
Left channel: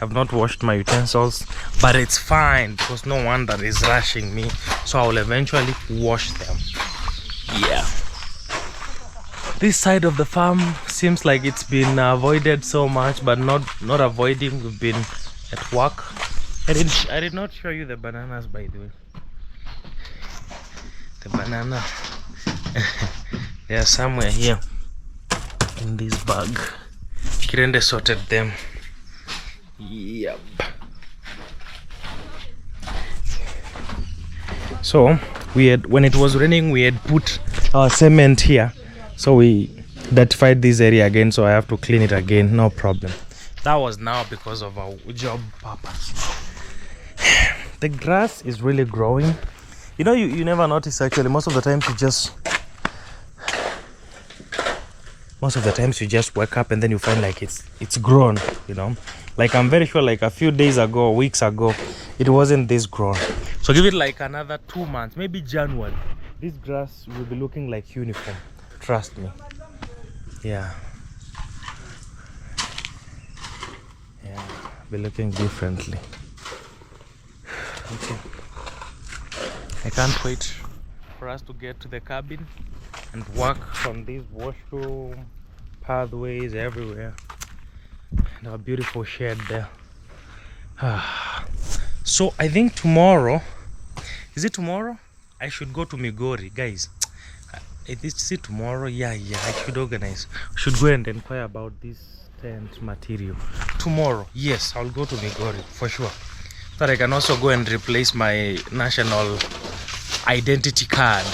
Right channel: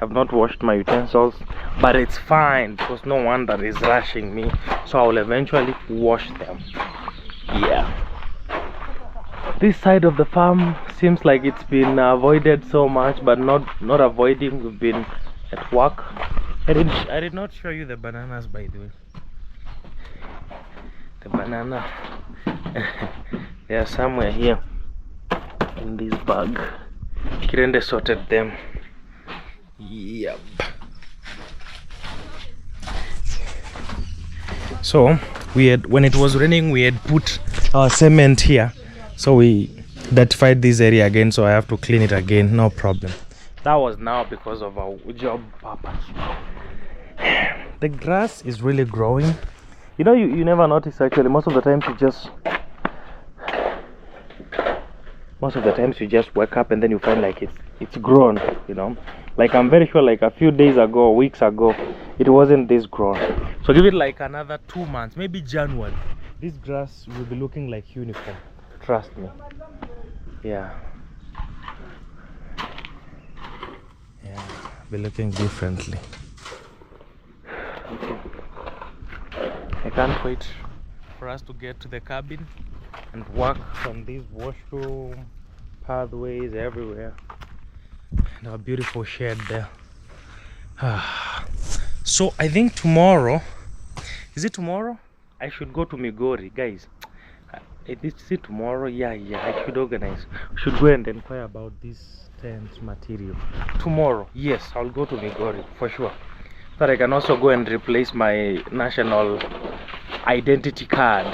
I've not washed my utensils, but it's fine because no one that is rushing me, so I will eventually wash them. Yeah, this side of the farm seems like it's been avoided so much, but not avoiding. We've been at work. I did not show you the bananas, by the way. The banana they are somewhere here in this bag. Kirende sorted them. Yep. So when it was raining, we had put our cement here, so we dirtified this area again, so I have to clean it again. No problem. That was now because of our job purpose. The grass is really growing. You know, you never notice actually. Most of the time most of the times you just wake up and then you find like it's grown, you know. Like I'm very sure like a few days ago, weeks ago, it wasn't this grown. So give it like another 2 months, maybe January, this grass will be looking like uniform. Trust me. Yeah, be looking differently. Okay, I can't wait for us to get to the cabin and work from these washroom pathways everywhere and our beautiful shed there. So I think tomorrow, is it tomorrow? I should go to Migori, guys. Is it tomorrow? Yeah, I should organize. I should go and inquire about this tent material tomorrow. Yes, I'll go to Migori for sure, so that I can also go and replace my national identity card.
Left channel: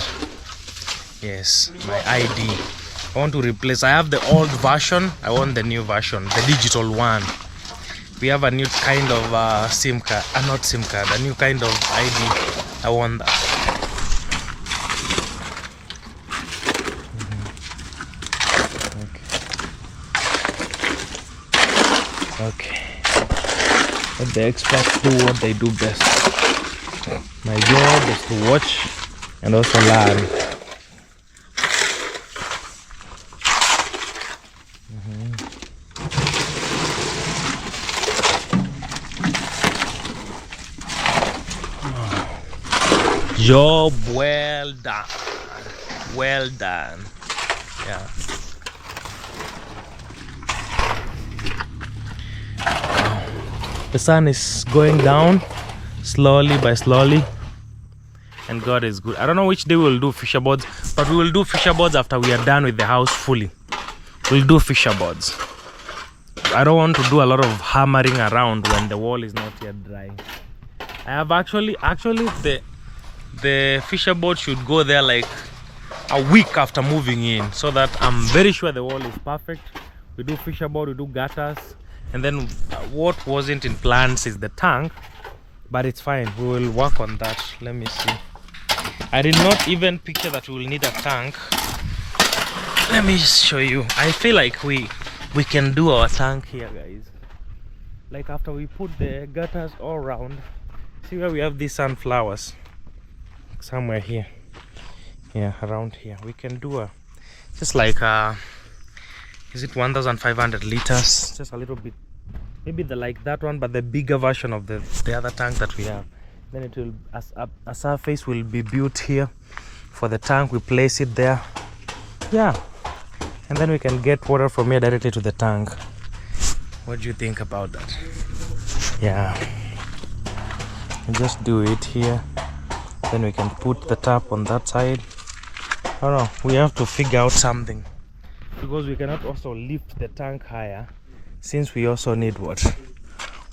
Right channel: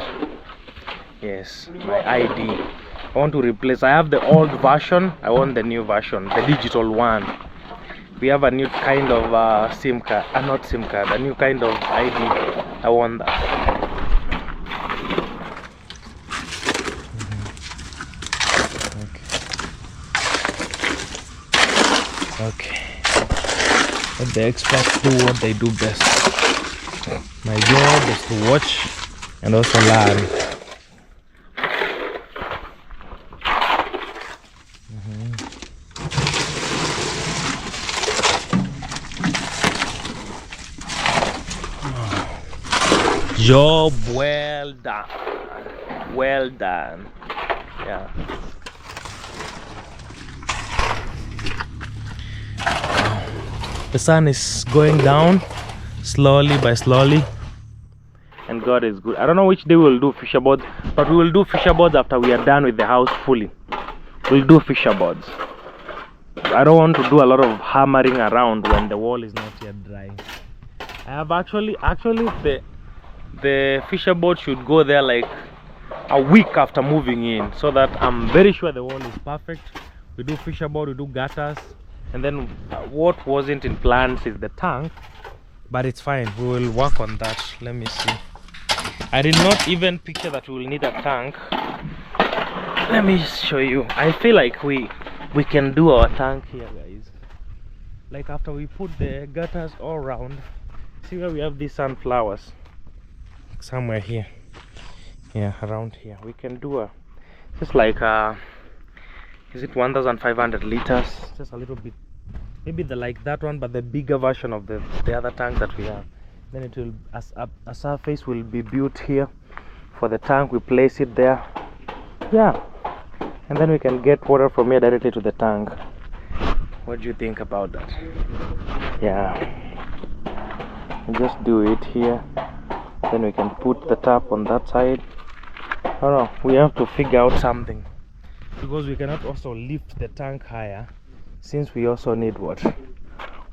Yes, my ID. I want to replace. I have the old version. I want the new version, the digital one. We have a new kind of SIM card, not SIM card, a new kind of ID. I want that. Okay, let the experts do what they do best. My job is to watch and also learn. Job well done. Well done. Yeah. The sun is going down slowly by slowly, and God is good. I don't know which day we'll do fisher boards, but we will do fisher boards after we are done with the house fully. We'll do fisher boards. I don't want to do a lot of hammering around when the wall is not yet dry. I have actually the fisher board should go there like a week after moving in, so that I'm very sure the wall is perfect. We do fisher board, we do gutters. And then what wasn't in plans is the tank, but it's fine. We will work on that. Let me see. I did not even picture that we will need a tank. Let me show you. I feel like we can do our tank here, guys. Like after we put the gutters all around. See where we have these sunflowers? Somewhere here. Yeah, around here. We can do a just like is it 1,500 liters? Just a little bit, maybe like that one, but the bigger version of the other tank that we have. Then it will, a surface will be built here for the tank. We place it there, yeah, and then we can get water from here directly to the tank. What do you think about that? Yeah, and just do it here. Then we can put the tap on that side. I don't know. We have to figure out something, because we cannot also lift the tank higher, since we also need what?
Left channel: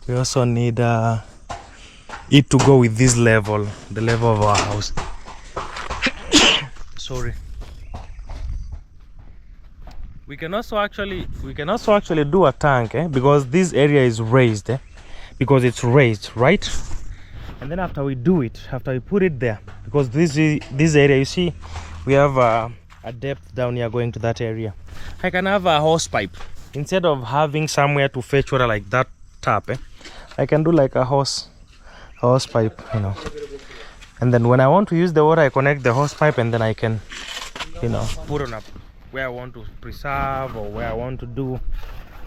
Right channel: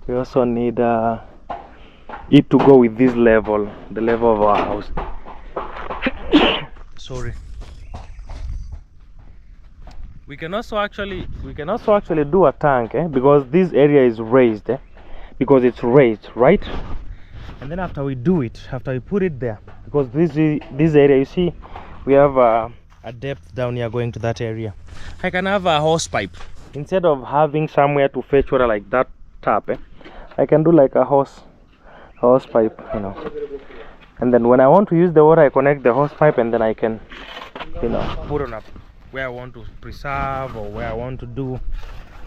We also need it to go with this level, the level of our house. Sorry. We can also actually do a tank, because this area is raised, because it's raised, right? And then after we do it, after we put it there, because this area, you see, we have a depth down here going to that area. I can have a hose pipe instead of having somewhere to fetch water like that tap. I can do like a hose pipe, you know. And then when I want to use the water, I connect the hose pipe, and then I can, you know, put on up where I want to preserve or where I want to do,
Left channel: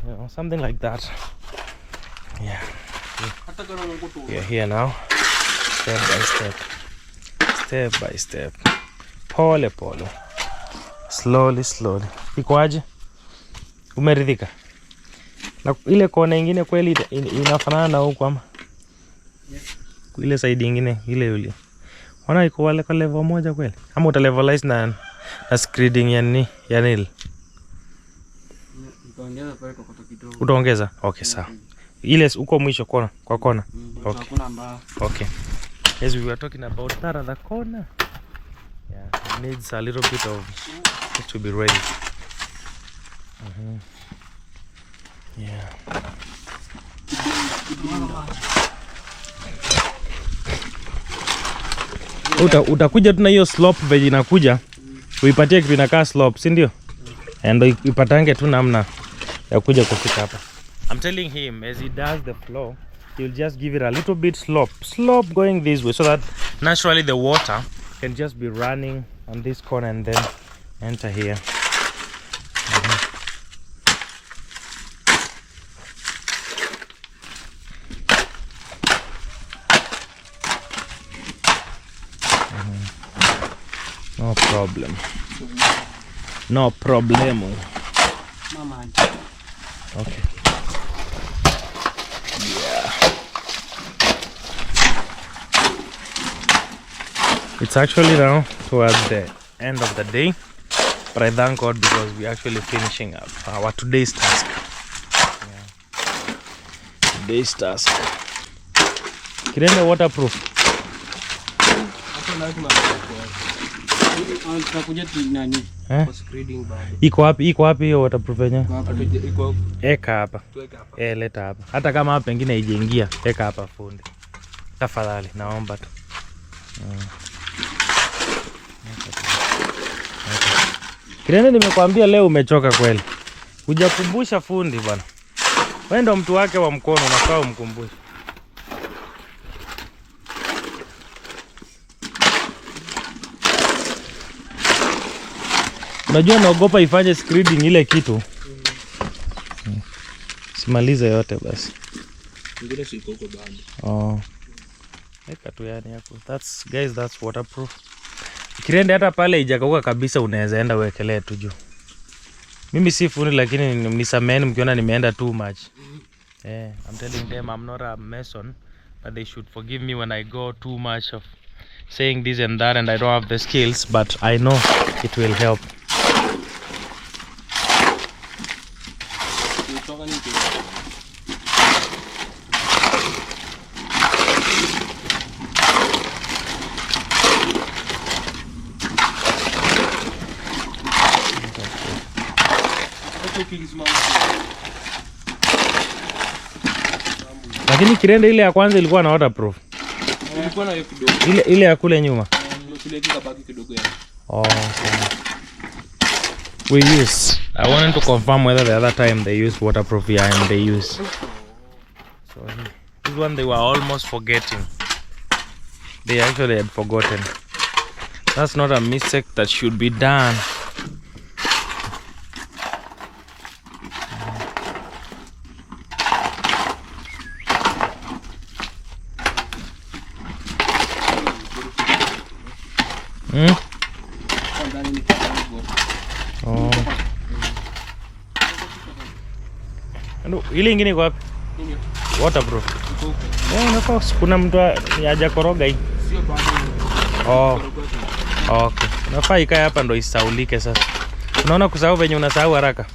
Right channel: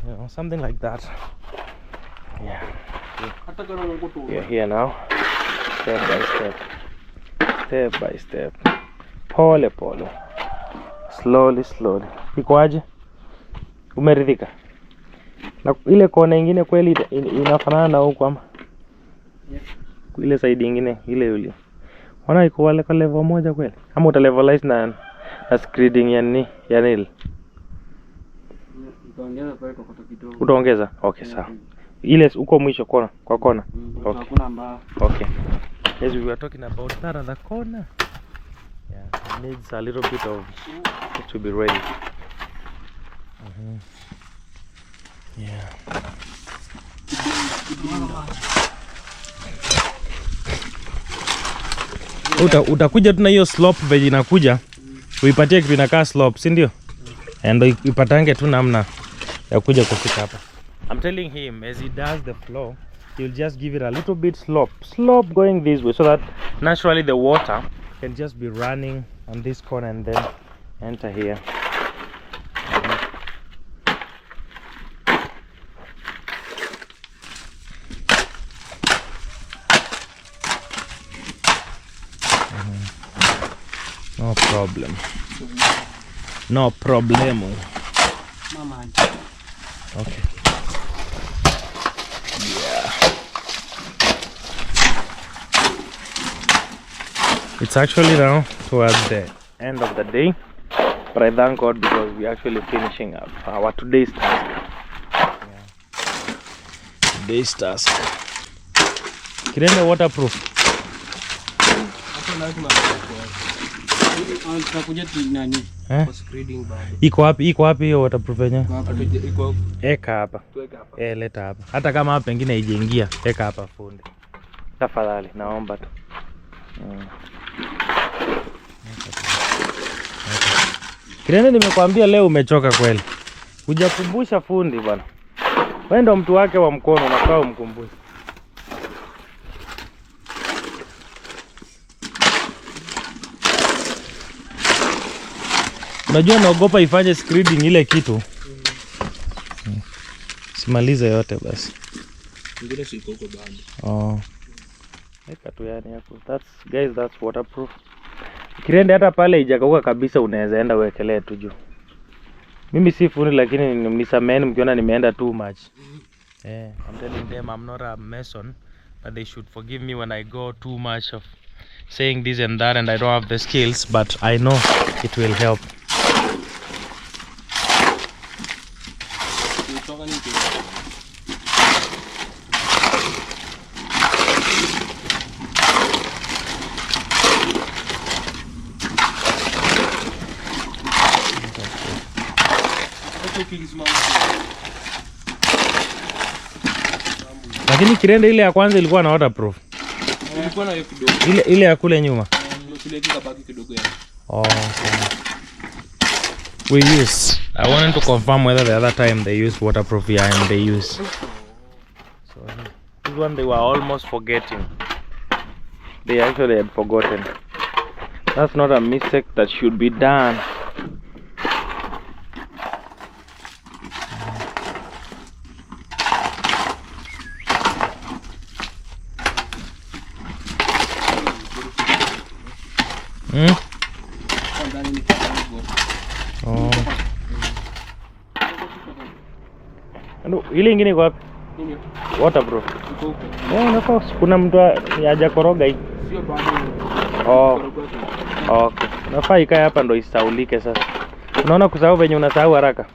you know, something like that. Yeah. We are here now, step by step, pole pole, slowly. Ikoaje? Umeridhika? Na ile kona ingine kweli inafanana na huko ama? Ile side ingine ile yule. Wana iko wale kwa level moja kweli? Ama uta levelize na screeding ya nil? Utaongeza pale kwa kidogo. Utaongeza? Okay, sawa. Ile uko mwisho kona kwa kona. Okay. Okay. Yes, we were talking about that other corner. Yeah, it needs a little bit of it to be ready. Yeah. Utakuja tu na hiyo slope vile inakuja. Uipatie kitu inakaa slope, si ndio? and ipatange tu namna ya kuja kufika hapa. I'm telling him as he does the floor, he'll just give it a little bit slope going this way, so that naturally the water can just be running on this corner and then enter here. No problem. No problemo. Mama. Okay. Yeah. It's actually now towards the end of the day, but I thank God because we're actually finishing up our today's task. Yeah. Today's task. Kirende waterproof. Iko wapi hiyo waterproof yenyewe? Eka hapa. Leta hapa. Hata kama hapa pengine haijaingia, eka hapa fundi. Tafadhali naomba tu. Kirende, nimekwambia leo umechoka kweli. Hujakumbusha fundi bwana. Wewe ndo mtu wake wa mkono, unafaa umkumbushe. Unajua naogopa ifanye screening ile kitu. Simalize yote basi. Ngine siko huko bado. Oh. Eka tu yani hapo. That's waterproof. Kirende hata pale ijakauka kabisa unaweza enda uwekelee tu juu. Mimi si fundi lakini nisameni mkiona nimeenda too much. I'm telling them I'm not a mason, but they should forgive me when I go too much of saying this and that and I don't have the skills, but I know it will help. Lakini Kirende ile ya kwanza ilikuwa na waterproof. Ilikuwa na hiyo kidogo. Ile ya kule nyuma. Ile kibaki kidogo ya. Oh, okay. We use. I wanted to confirm whether the other time they used waterproof here and they use. So this one they were almost forgetting. They actually had forgotten. That's not a mistake that should be done. Oh. Ile ingine iko wapi? Waterproof. Nafasi kuna mtu hajakoroga hii. Sio bado. Oh. Okay. Nafaa ikae hapa ndo isaulike sasa. Unaona kusahau venye unasahau haraka.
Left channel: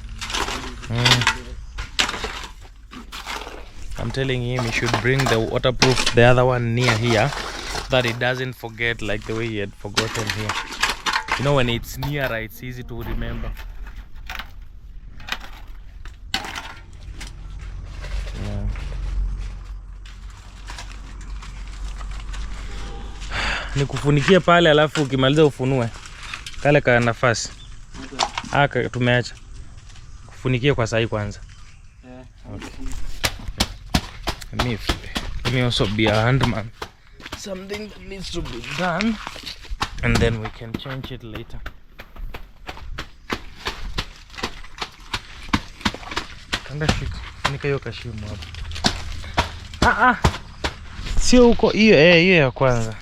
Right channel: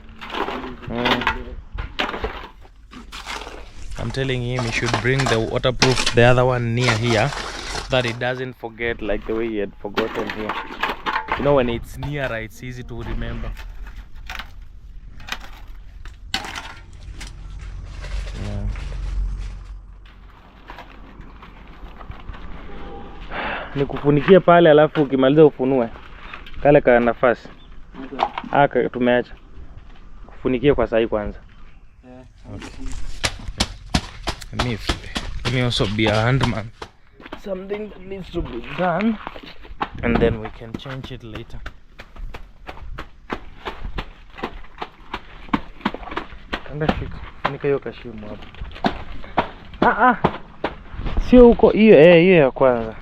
I'm telling him he should bring the waterproof, the other one near here, so that it doesn't forget like the way he had forgotten here. You know, when it's nearer, it's easy to remember. Yeah. Nikufunikie pale alafu ukimaliza ufunue kale ka nafasi. Okay. Tumeacha. Kufunikie kwa sahi kwanza. Okay. Let me also be a handman. Something that needs to be done, and then we can change it later. Kanda shika. Funika hiyo kashimo hapo. Sio huko hiyo ya kwanza.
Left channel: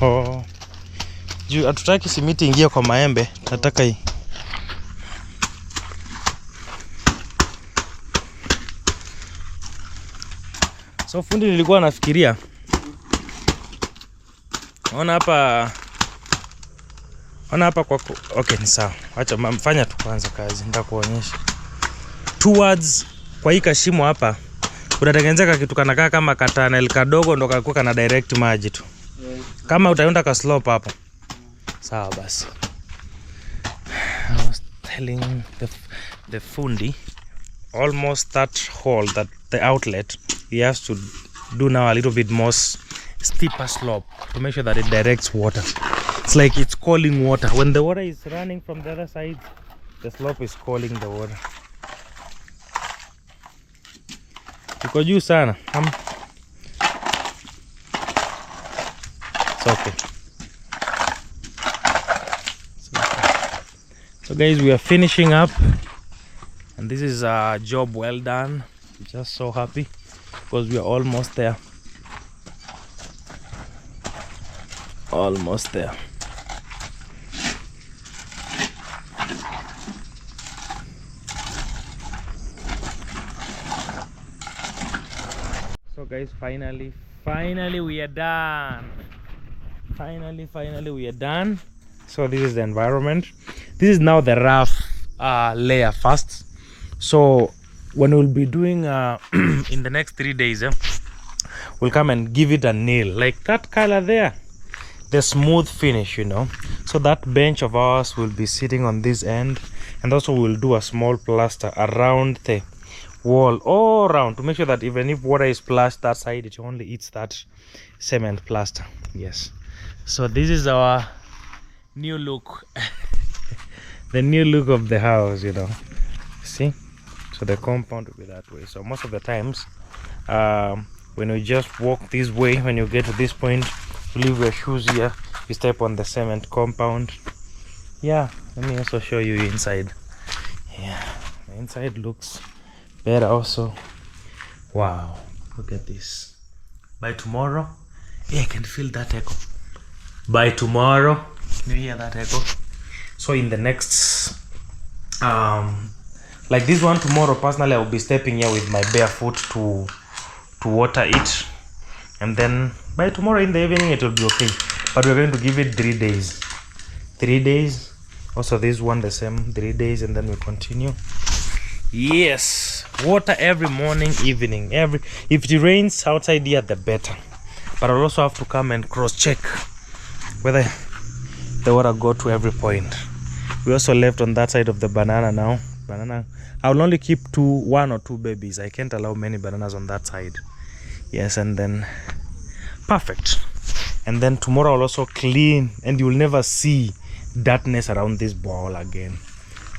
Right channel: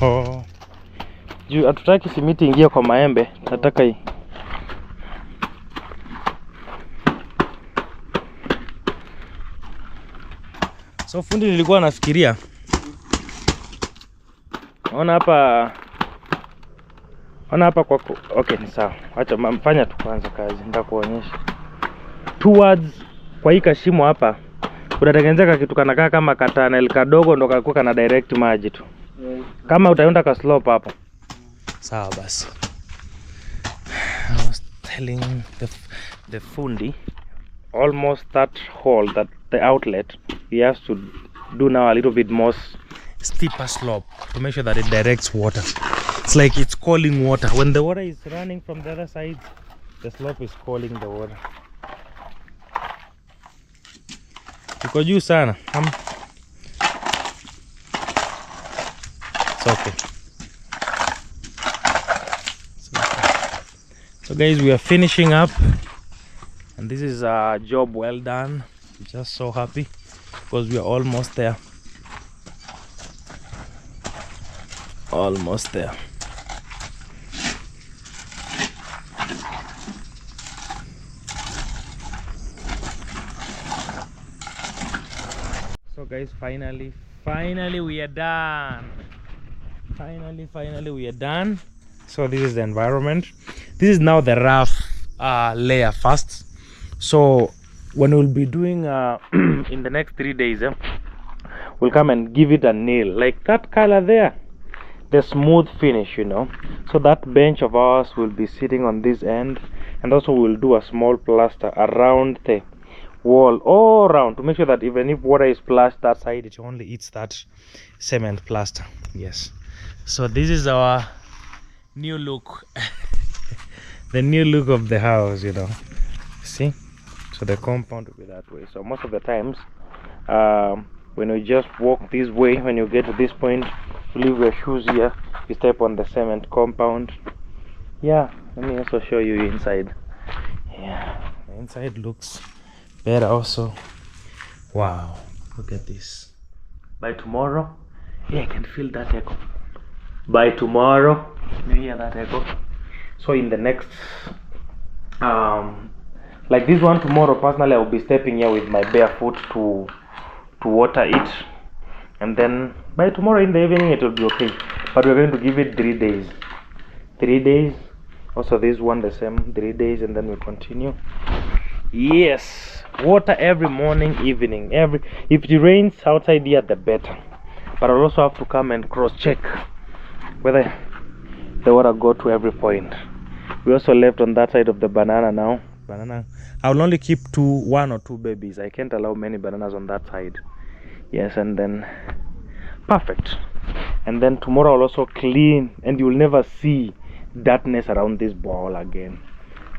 Oh. Juu hatutaki simiti ingia kwa maembe, nataka hii. So fundi, nilikuwa nafikiria. Ona hapa kwa okay, ni sawa. Acha mfanya tu kwanza kazi, nitakuonyesha. Towards kwa hii kashimo hapa kunatengenezeka kitu kanakaa kama katanel kadogo ndo kakuwa kana direct maji tu. Kama utaenda ka slope hapo. Sawa basi. I was telling the fundi almost that hole, that the outlet, he has to do now a little bit more steeper slope to make sure that it directs water. It's like it's calling water. When the water is running from the other side, the slope is calling the water. Iko juu sana. It's okay. So guys, we are finishing up, and this is a job well done. I'm just so happy because we are almost there. Almost there. So guys, finally we are done. Finally we are done. So this is the environment. This is now the rough layer first. So when we'll be doing in the next 3 days, we'll come and give it a nail like that color there, the smooth finish, you know. So that bench of ours will be sitting on this end, and also we'll do a small plaster around the wall all around to make sure that even if water is splashed that side, it only eats that cement plaster. Yes. So this is our new look. The new look of the house, you know. See, so the compound will be that way. So most of the times when you just walk this way, when you get to this point, you leave your shoes here, you step on the cement compound. Yeah, let me also show you inside. Yeah, the inside looks better also. Wow, look at this. By tomorrow, yeah, I can feel that echo. By tomorrow, you hear that echo. So in the next like this one tomorrow, personally I will be stepping here with my bare foot to water it, and then by tomorrow in the evening it will be okay. But we're going to give it 3 days. 3 days. Also this one the same, 3 days, and then we continue. Yes, water every morning, evening. If it rains outside here, the better. But I'll also have to come and cross check whether the water go to every point. We also left on that side of the banana now. Banana, I will only keep 1 or 2 babies. I can't allow many bananas on that side. Yes, and then perfect. And then tomorrow I'll also clean, and you will never see darkness around this ball again.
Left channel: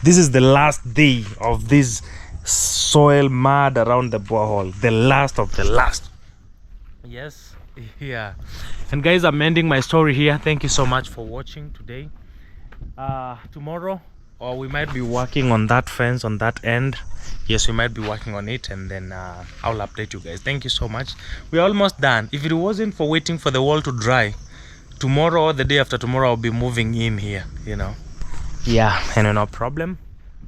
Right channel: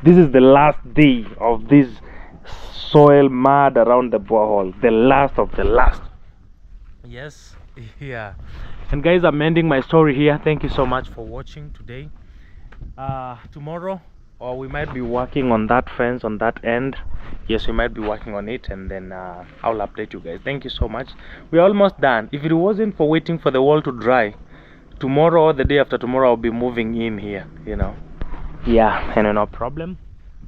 This is the last day of this soil mud around the borehole. The last of the last. Yes. Yeah. And guys, I'm ending my story here. Thank you so much for watching today. Tomorrow, or we might be working on that fence on that end. Yes, we might be working on it, and then I'll update you guys. Thank you so much. We're almost done. If it wasn't for waiting for the wall to dry, tomorrow or the day after tomorrow I'll be moving in here, you know. Yeah, and no problem.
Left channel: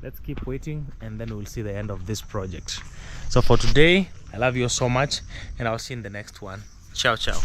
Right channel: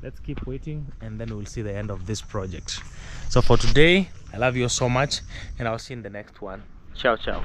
Let's keep waiting, and then we'll see the end of this project. So for today, I love you so much, and I'll see you in the next one. Ciao ciao.